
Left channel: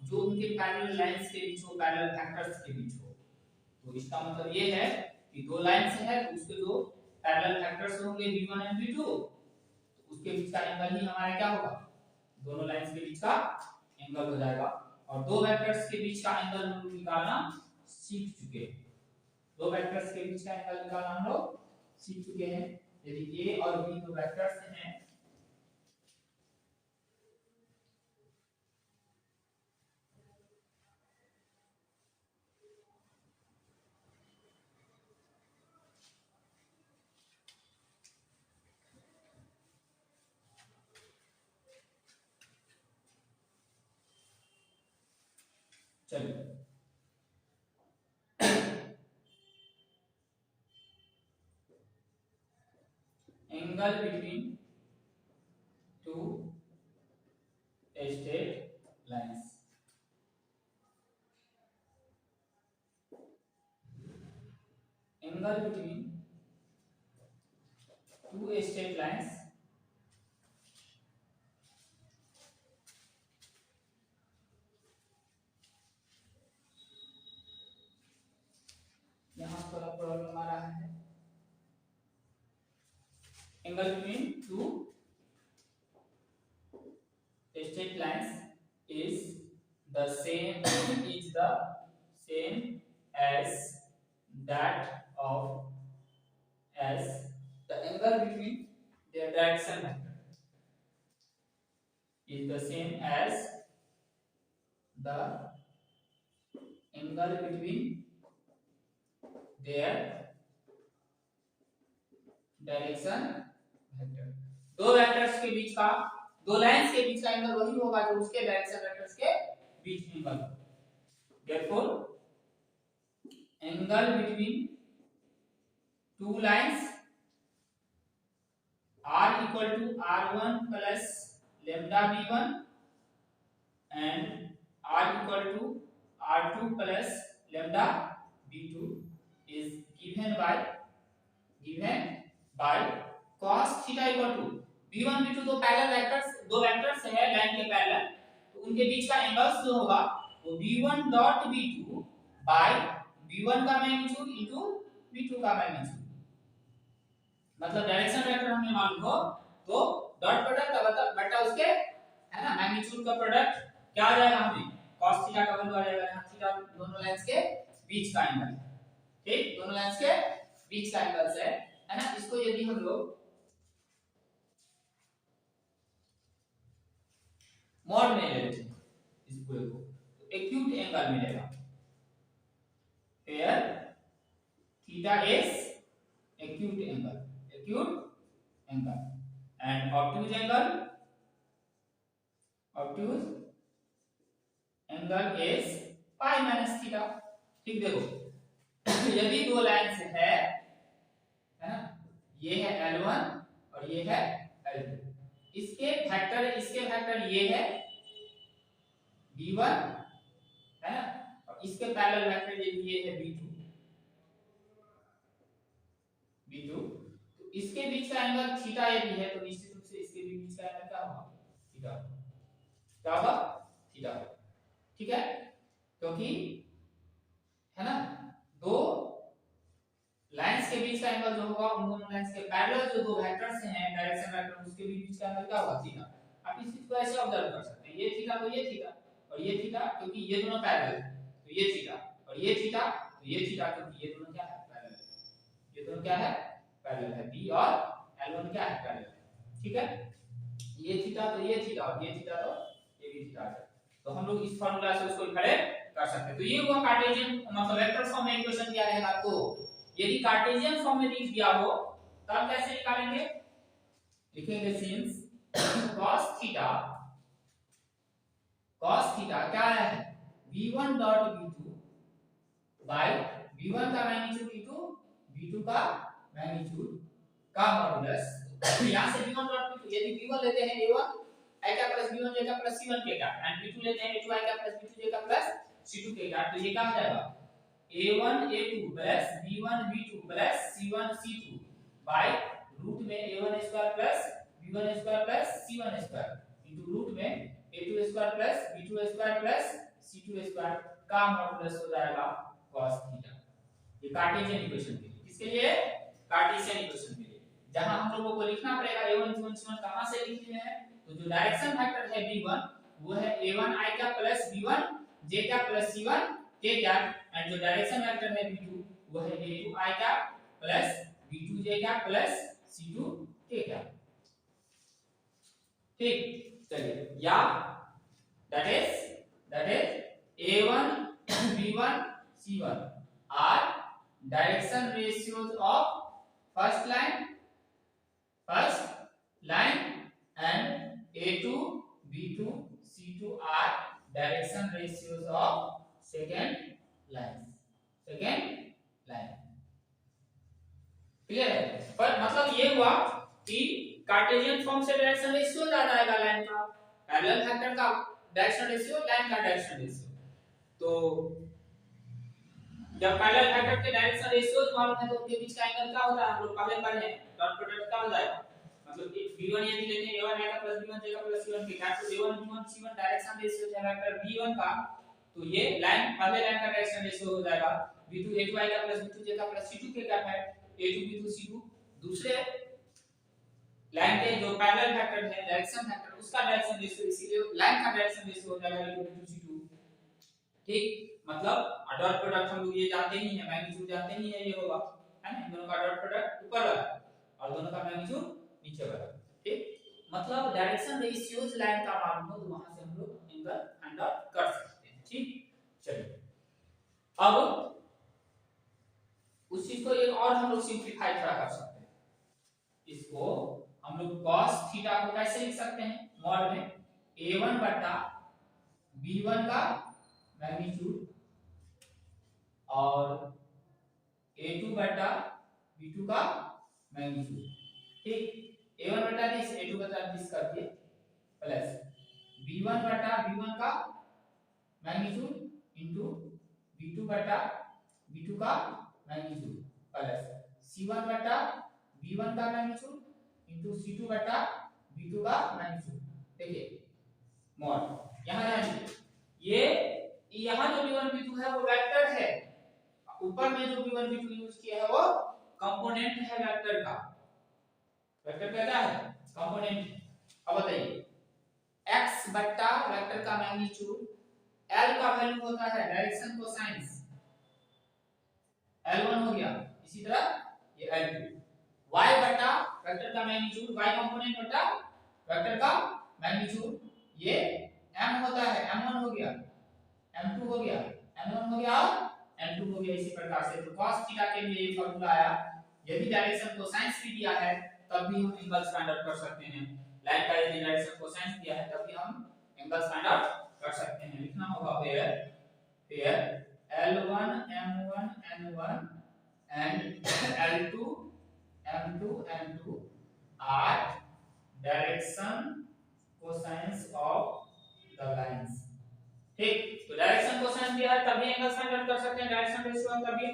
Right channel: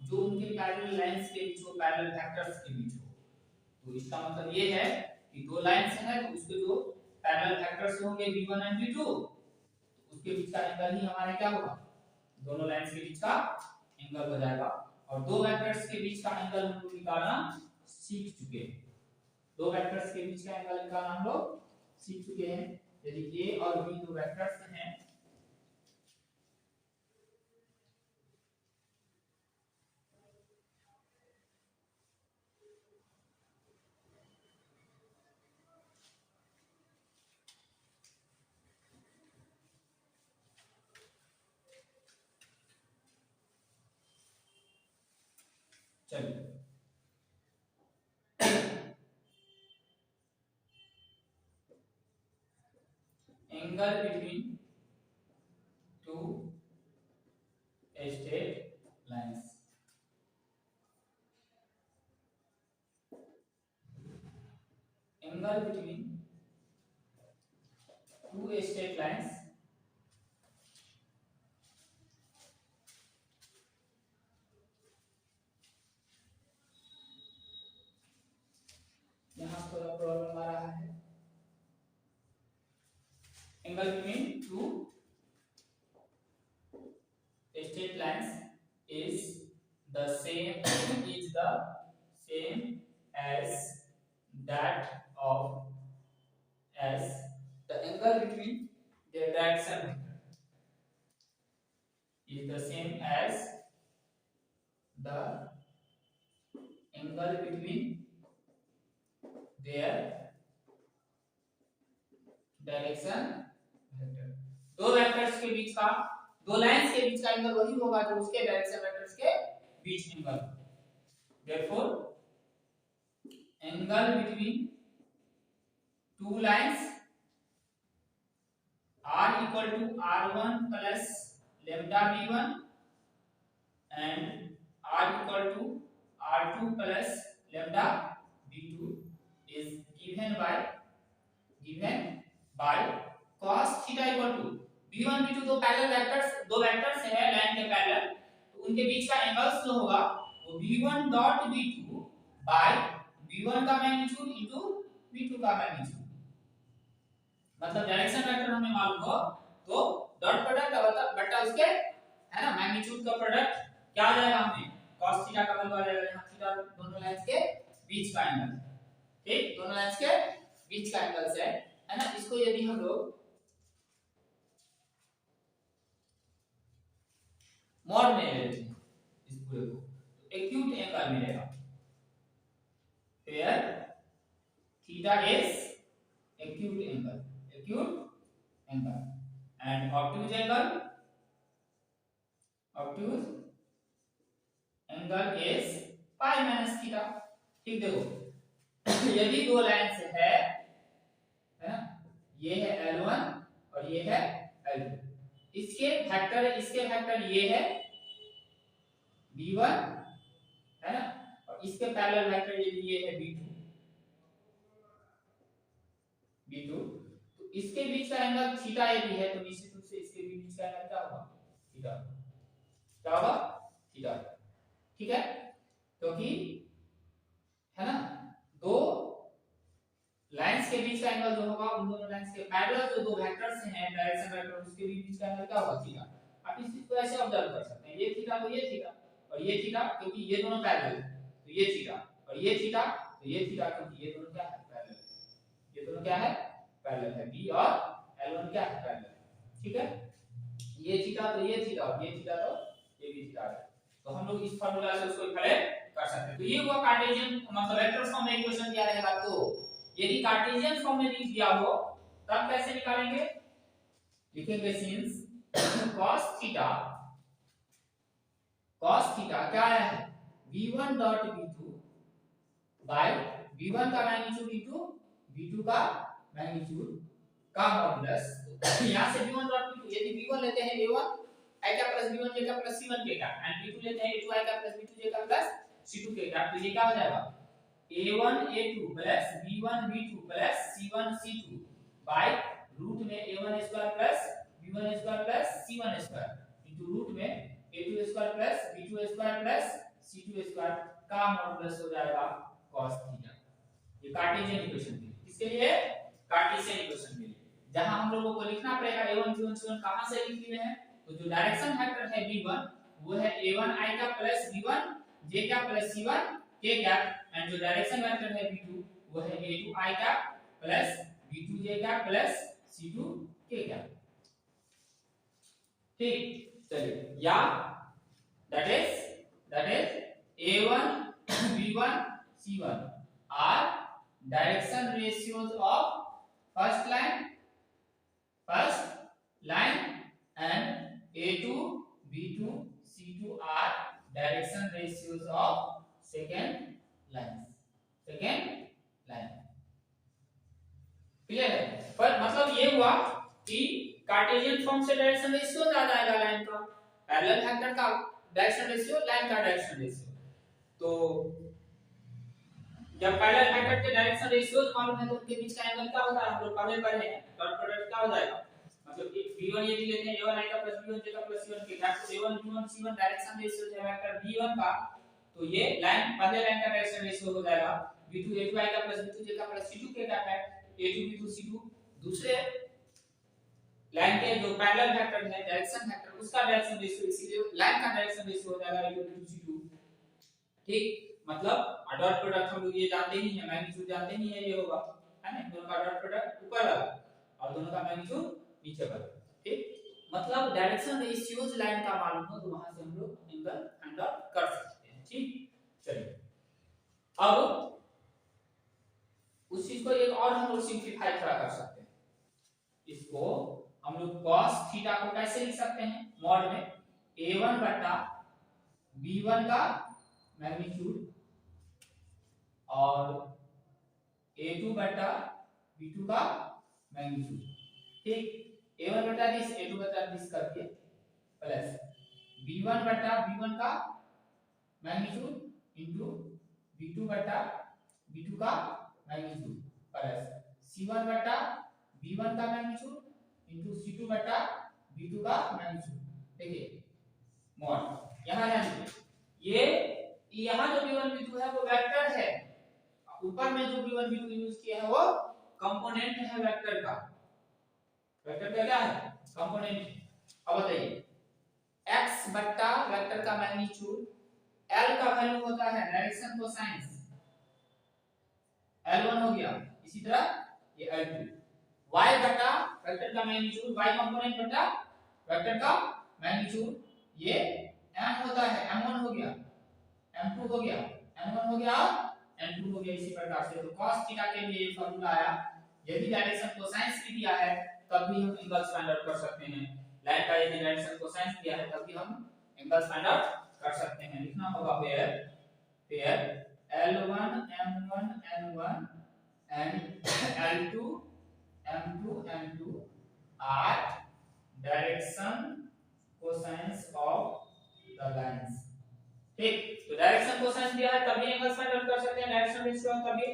जो उनके पैरेलल लाइंस के बीच हो, पैरेलल वेक्टर्स के बीच हो। तो इसका मतलब ये है कि दो लाइंस है तो उसके जो पैरेलल वेक्टर्स होंगे v1 एंड v2 तो उसके बीच का एंगल ही हमारा क्या होगा, दोनों लाइंस के बीच का एंगल हो जाएगा। और दो वेक्टर्स के बीच का एंगल हम लोग निकालना सीख चुके हैं। दो वेक्टर्स के बीच का एंगल निकालना हम लोग सीख चुके हैं। यदि a और b दो वेक्टर्स हैं चलिए angle between to straight lines. Angle between to straight lines यहाँ थोड़ा प्रॉब्लम आ रहा है। Angle between to straight lines is the same as that of as the angle between their direction is the same as the angle between their direction vector. दो वेक्टर्स के बीच का, दो लाइंस के बीच का एंगल वही होगा जो उसके डायरेक्शन वेक्टर्स के बीच angle. therefore angle between two lines r equal to r1 plus lambda b1 and r equal to r2 plus lambda b2 is given by cos theta equal to b1 b2 दो वेक्टर्स है लाइन के पैरेलल, तो उनके बीच का एंगल्स जो होगा वो b1 dot b2 bye b1 का मैग्नीट्यूड इनटू b2 का मैग्नीट्यूड। मतलब डायरेक्शन वेक्टर हमें मालूम हो तो डॉट प्रोडक्ट बटा उसके है ना मैग्नीट्यूड का प्रोडक्ट क्या आ जाएगा, हमें cos थीटा का वैल्यू आ जाएगा। यहां थीटा दोनों लाइंस के बीच का एंगल है, ठीक, दोनों लाइंस के बीच का एंगल है ना। इसको यदि हम लोग मॉड में ले लेते हैं इस पूरे को, तो एक्यूट एंगल मिलेगा, where theta is acute angle and obtuse angle is pi minus theta. ठीक, देखो यदि दो लाइंस है ना, ये है L1 और ये है L2, इसके फैक्टर ये है B1 है ना, और इसके पैरेलल वेक्टर ये है B2, तो इसके बीच का एंगल थीटा यदि है तो निश्चित रूप से इसके भी बीच का एंगल क्या होगा, थीटा, क्या होगा, थीटा। ठीक है, क्योंकि है ना दो लाइंस के बीच का एंगल जो होगा उन दोनों लाइंस के पैरेलल जो दो वेक्टर्स हैं डायरेक्शन वेक्टर, उसके बीच का एंगल क्या होगा, थीटा। आप इस चीज को ऐसे ऑब्जर्व कर सकते हैं, ये थीटा तो ये थीटा और ये थीटा, क्योंकि ये दोनों पैरेलल है तो ये थीटा, और ये थीटा तो ये थीटा, क्योंकि ये दोनों क्या है, पैरेलल, ये दोनों क्या है, पैरेलल है, B और L1 क्या है, पैरेलल है। ठीक है, ये थीटा तो ये थीटा और ये थीटा तो ये भी थीटा है, तो हम लोग इस फार्मूला से उसको इक्वेट कर सकते हैं। तो ये हुआ कार्टेशियन मतलब वेक्टर फॉर्म में इक्वेशन क्या रहेगा, तो यदि कार्टेशियन फॉर्म में लिख दिया हो तब कैसे निकालेंगे, लिखेंगे सिंस cos थीटा क्या आया है, b1 dot b2 bye b1 का मैग्नीट्यूड इनटू b2 का मैग्नीट्यूड का मॉडुलस। यहां से b1 डॉट b2, यदि b1 लेते हैं a1 i का प्लस b1 j का प्लस c1 k का, एंड b2 लेते हैं a2 i का प्लस b2 j का प्लस c2 k का, तो ये क्या हो जाएगा, a1 a2 plus b1 b2 plus c1 c2 bye root में a1 square plus b1 square plus c1 square into root में a2 square plus b2 square plus c2 square का मॉडुलस हो जाएगा cos थीटा। ये कार्टेशियन इक्वेशन के लिए, किसके लिए, कार्टेशियन इक्वेशन के लिए, जहां हम लोगों को लिखना पड़ेगा a1 b1 c1 कहां से लिख लिए हैं, तो जो डायरेक्शन वेक्टर है b1 वो है a1 i का प्लस b1 j का प्लस c1 k का, एंड जो डायरेक्शन वेक्टर है b2 वो है a2 i का प्लस b2 j का प्लस c2 k का। ठीक, चलिए, या that is a1 b1 c1 are direction ratios of first line and a2 b2 c2 are direction ratios of second line। Clear है, पर मतलब ये हुआ कि कार्टेशियन फॉर्म से डायरेक्शन रेशियो ज्यादा आएगा लाइन का, पैरेलल वेक्टर का डायरेक्शन रेशियो, लाइन का डायरेक्शन रेशियो। तो जब पैरेलल वेक्टर के डायरेक्शन रेशियोज मालूम है तो उनके बीच का एंगल क्या होता है, हम लोग पहले पढ़े हैं, डॉट प्रोडक्ट क्या हो जाएगा, मतलब b1 यदि लेते हैं a1 i का प्लस b1 j का प्लस c1 k का, तो a1 b1 c1 direction ratio है वेक्टर b1 का, तो ये लाइन पहले लाइन का डायरेक्शन रेशियो हो जाएगा b2 a2 i का प्लस b2 j का प्लस c2 k का है, a2 b2 c2 दूसरे लाइन के जो पैरेलल वेक्टर है डायरेक्शन वेक्टर उसका डायरेक्शन रेशियो, इसीलिए लाइन का डायरेक्शन रेशियो हो जाएगा a2 b2 c2। ठीक, मतलब डॉट प्रोडक्ट हम लोग ये जानते ही हैं, मैग्नीट्यूड जानते ही हैं, ये होगा है ना, दोनों का डॉट प्रोडक्ट ऊपर वाला और दोनों का मैग्नीट्यूड नीचे वाला। ठीक, मतलब डायरेक्शन रेशियोज लाइन का मालूम हो तो वहां से हम लोग एंगल फाइंड आउट कर सकते हैं। ठीक, चलिए अब उस चीज को एक और हम लोग सिंपलीफाई थोड़ा कर सकते हैं, इसको हम लोग cos थीटा को कैसे लिख सकते हैं, मॉड में a1 बटा b1 का मैग्नीट्यूड और a2 बटा b2 का मैग्नीट्यूड। ठीक, a1 बटा दिस a2 बटा दिस करके प्लस b1 बटा b1 का मैग्नीट्यूड इंटू v2 बटा v2 का मैग्नीट्यूड प्लस c1 बटा v1 का मैग्नीट्यूड इंटू c2 बटा v2 का मैग्नीट्यूड। देखिए मॉड यहाँ ये यहाँ जो v1 v2 है वो वेक्टर है, ऊपर में जो v1 v2 यूज किया है वो कंपोनेंट है वेक्टर का। वेक्टर का क्या है? कंपोनेंट। अब बताइए x बट्टा वेक्टर का मैग्नीट्यूड, l का वैल्यू होता है डायरेक्शन कोसाइंस, l1 हो गया, इसी तरह ये l2, y बट्टा वेक्टर का मैग्नीट्यूड, y कंपोनेंट बट्टा वेक्टर का मैग्नीट्यूड, ये m होता है, m1 हो गया, m2 हो गया, n1 हो गया, n2 हो गया। इसी प्रकार से तो cos थीटा के लिए ये फार्मूला आया। यदि डायरेक्शन कोसाइंस भी दिया है तब भी हम एंगल्स फाइंड आउट कर सकते हैं। लाइन का यदि डायरेक्शन कोसाइंस दिया है तब भी हम एंगल्स फाइंड आउट कर सकते हैं। लिखना होगा pair L1 M1 N1 and L2 M2 N2 are direction cosines of the lines। ठीक, तो डायरेक्शन कोसाइंस दिया है तभी एंगल्स फाइंड आउट कर सकते हैं, डायरेक्शन रेशियो है तभी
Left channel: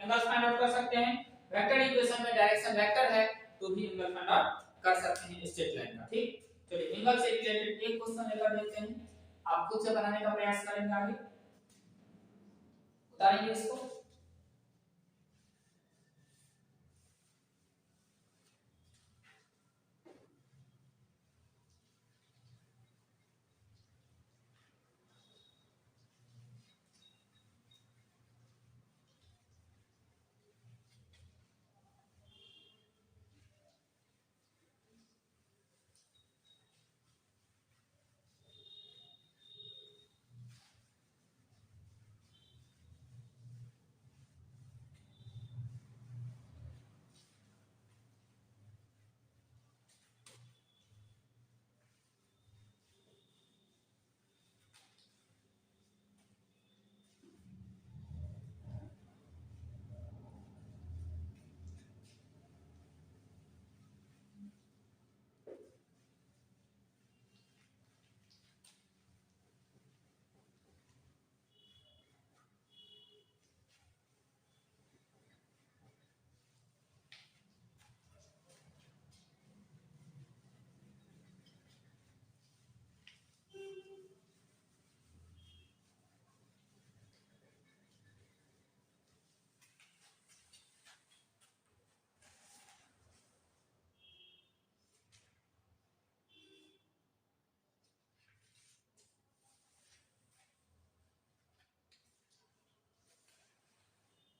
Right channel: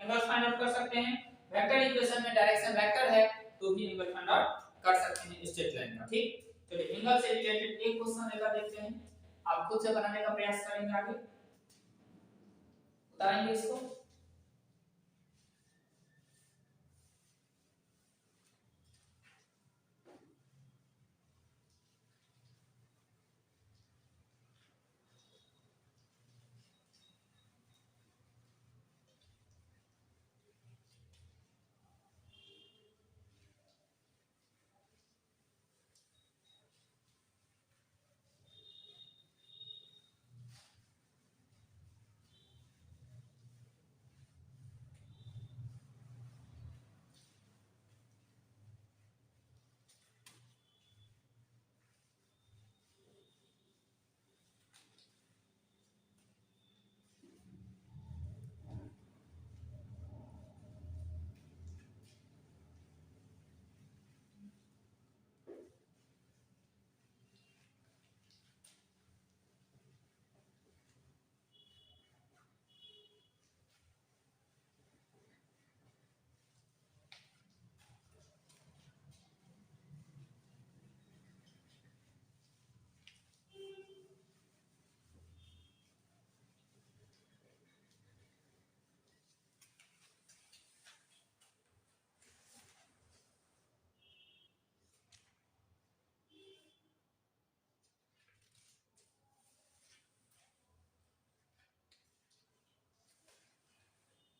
एंगल्स फाइंड आउट कर सकते हैं। वेक्टर इक्वेशन में डायरेक्शन वेक्टर है तो भी एंगल फाइंड आउट कर सकते हैं स्ट्रेट लाइन का। ठीक, चलिए एंगल से रिलेटेड एक क्वेश्चन लेकर देखते हैं, आप खुद से बनाने का प्रयास करेंगे, आगे बताएंगे इसको।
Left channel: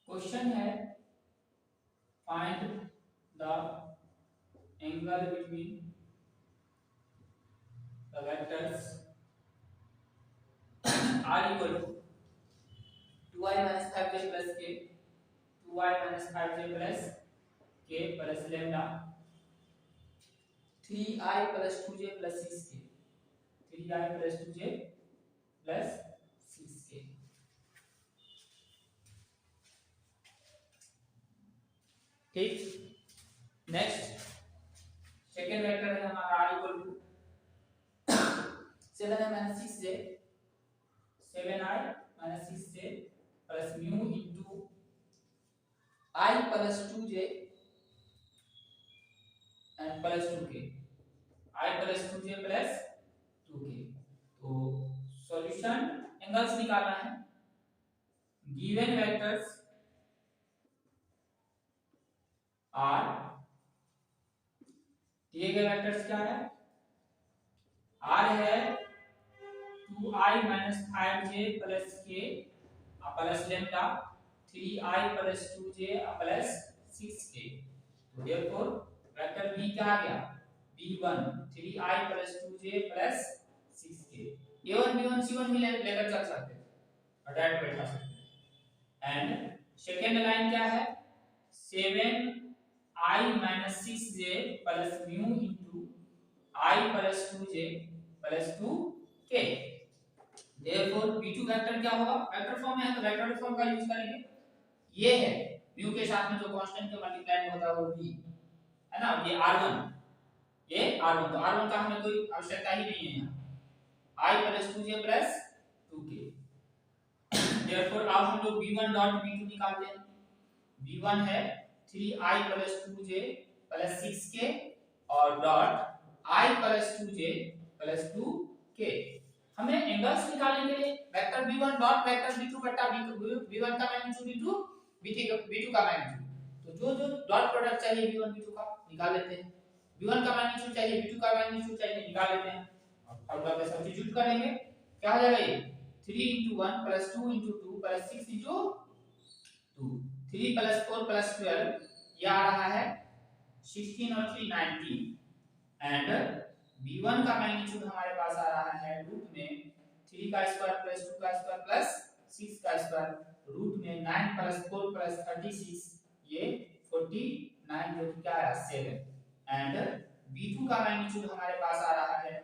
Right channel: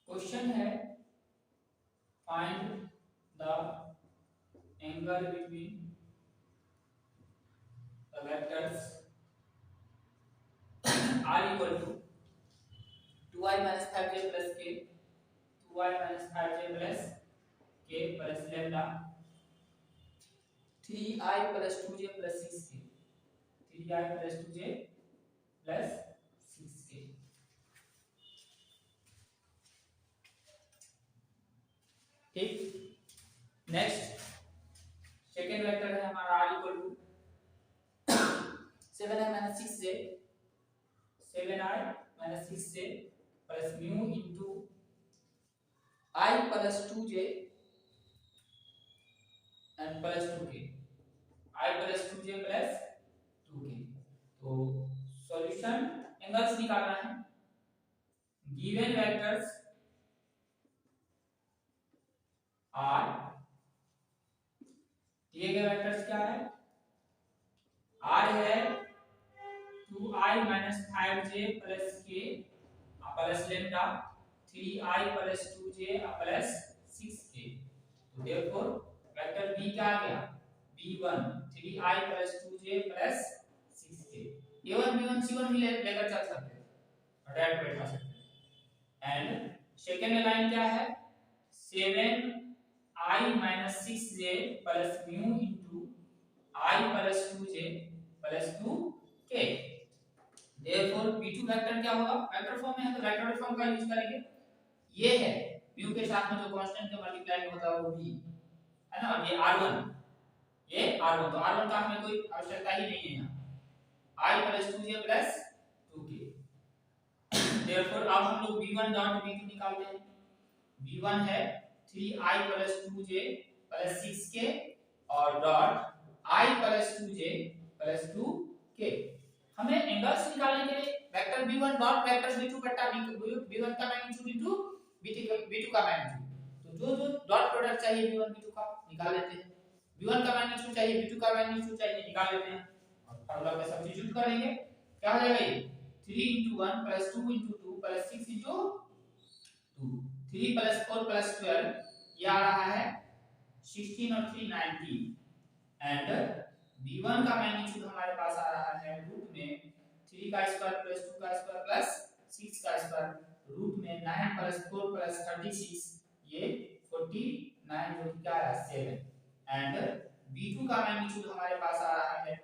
क्वेश्चन है find the angle between the vectors r equal to 2i minus 5j plus k, 2i minus 5j plus k plus lambda, 3i plus 2j plus 6k, 3i plus 2j plus 6k। ठीक, नेक्स्ट सेकेंड वेक्टर है हमारा r equal to 7i minus 6j, 7i minus 6j plus mu into I plus 2j and plus 2k, I plus 2j plus 2k। तो सॉल्यूशन एंगल्स निकालना है। गिवन वेक्टर्स R, दिए गए वेक्टर्स क्या है? R है 2i minus 5j plus k plus lambda, 3i plus 2j plus 6k। तो therefore वेक्टर B क्या आ गया? B1 3i plus 2j plus 6k। A1 B1 C1 भी लेकर चल सकते हैं और डायरेक्ट बैठा सकते हैं। एंड सेकेंड लाइन क्या है? 7i minus 6j plus mu into I plus 2j plus 2k। therefore B2 vector क्या होगा? वेक्टर फॉर्म में है तो वेक्टर फॉर्म का यूज करेंगे। ये है mu के साथ में जो कांस्टेंट के मल्टीप्लाई होता है वो b है ना, ये r1, ये r1, तो r1 का हमें कोई आवश्यकता ही नहीं है यहाँ। I plus 2j plus 2k therefore अब हम लोग v1 डॉट v2 निकालते हैं। v1 है 3i + 2j + 6k और डॉट i + 2j + 2k। हमें एंगल्स निकालने के लिए vector v1 dot vector v2 बटा v1 का मैग्नीट्यूड इनटू v2 का मैग्नीट्यूड। तो जो डॉट प्रोडक्ट चाहिए v1 v2 का निकाल लेते हैं, v1 का मैग्नीट्यूड चाहिए v2 का मैग्नीट्यूड चाहिए निकाल लेते हैं। फॉर्मूला में सब्स्टिट्यूट कर लेंगे, क्या हो जाएगा ये 3 * 1 + 2 * 2 + 6 * 2 3 + 4 + 12 ये आ रहा है 16 और 3 19 एंड v1 का मैग्नीट्यूड हमारे पास आ रहा है रूट में 3 का स्क्वायर + 2 का स्क्वायर + 6 का स्क्वायर रूट में 9 + 4 + 36 ये 49 जो कि क्या है 7 एंड v2 का मैग्नीट्यूड हमारे पास आ रहा है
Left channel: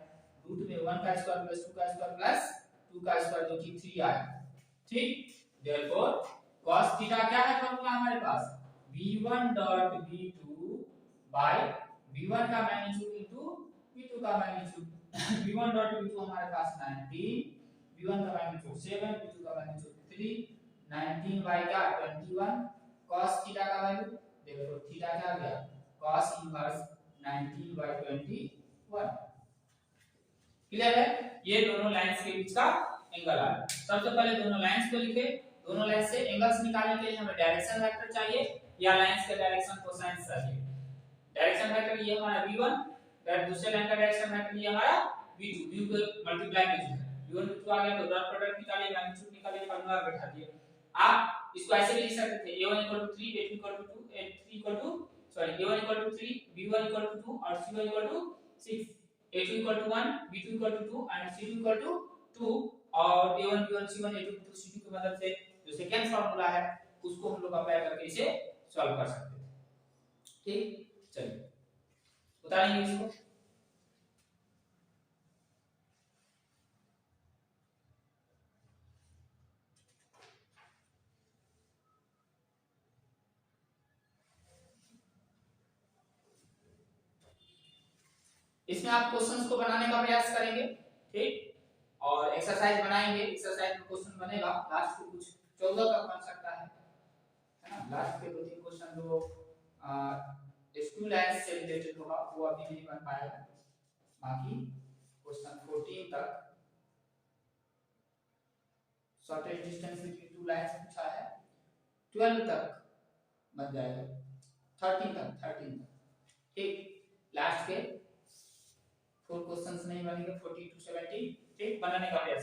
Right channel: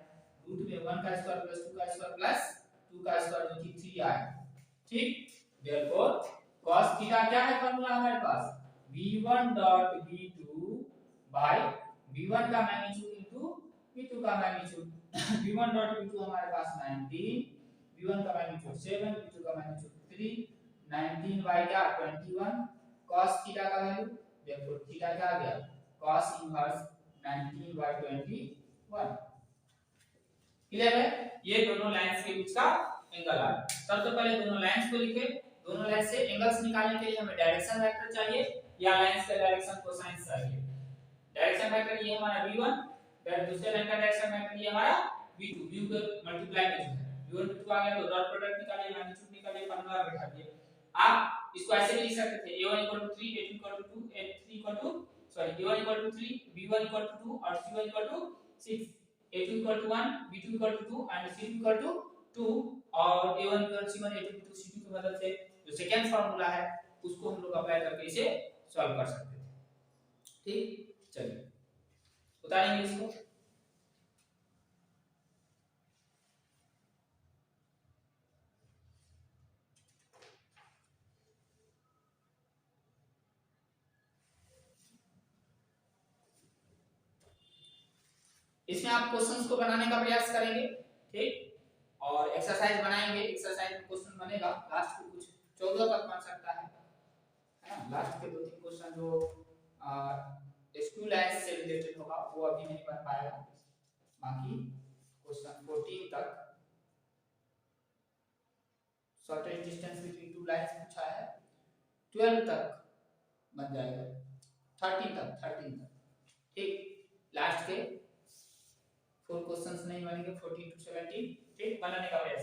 रूट में 1 का स्क्वायर + 2 का स्क्वायर + 2 का स्क्वायर जो कि 3 आया। ठीक, देयरफॉर cos थीटा क्या है फार्मूला हमारे पास v1 dot v2 bye v1 का मैग्नीट्यूड इनटू v2 का मैग्नीट्यूड। v1 डॉट v2 हमारे पास 19, v1 का मैग्नीट्यूड 7, v2 का मैग्नीट्यूड 3, 19 बाय क्या 21 cos थीटा का वैल्यू, देयरफॉर थीटा क्या आ गया cos इनवर्स 19 बाय 21। क्लियर है, ये दोनों लाइंस के बीच का एंगल है। सबसे पहले दोनों लाइंस को लिखे, दोनों लाइन से एंगल्स निकालने के लिए हमें डायरेक्शन वेक्टर चाहिए या लाइंस का डायरेक्शन कोसाइन चाहिए। डायरेक्शन वेक्टर ये हमारा v1 फिर दूसरे लाइन का डायरेक्शन वेक्टर ये हमारा v2, v को मल्टीप्लाई में जो है v1 v2 आ गया तो डॉट प्रोडक्ट निकालिए मैग्नीट्यूड निकालिए फार्मूला बैठा दिए। आप इसको ऐसे भी लिख सकते थे a1 = 3 a2 = 2 a3 sorry a1 = 3 b1 = 2 और c1 = 6 a2 = 1 b2 = 2 and c2 = 2 और a1 b1 c1 a2 b2 c2 की मदद से जो सेकंड फार्मूला है उसको हम लोग अप्लाई करके इसे सॉल्व कर सकते हैं। ठीक, चलिए उतारेंगे इसको। इसमें आप क्वेश्चंस को बनाने का प्रयास करेंगे, ठीक, और एक्सरसाइज बनाएंगे। एक्सरसाइज में क्वेश्चन बनेगा लास्ट को कुछ 14 तक बन सकता है ना। लास्ट के 2-3 क्वेश्चन जो स्कूल लाइफ से रिलेटेड होगा वो अभी नहीं बन पाएगा, बाकी क्वेश्चन 14 तक shortest distance between two lines पूछा है, 12 तक बन जाएगा, 13 तक। ठीक, लास्ट के 4 क्वेश्चंस नहीं बनेंगे 14 to 17, ठीक, बनाने का प्रयास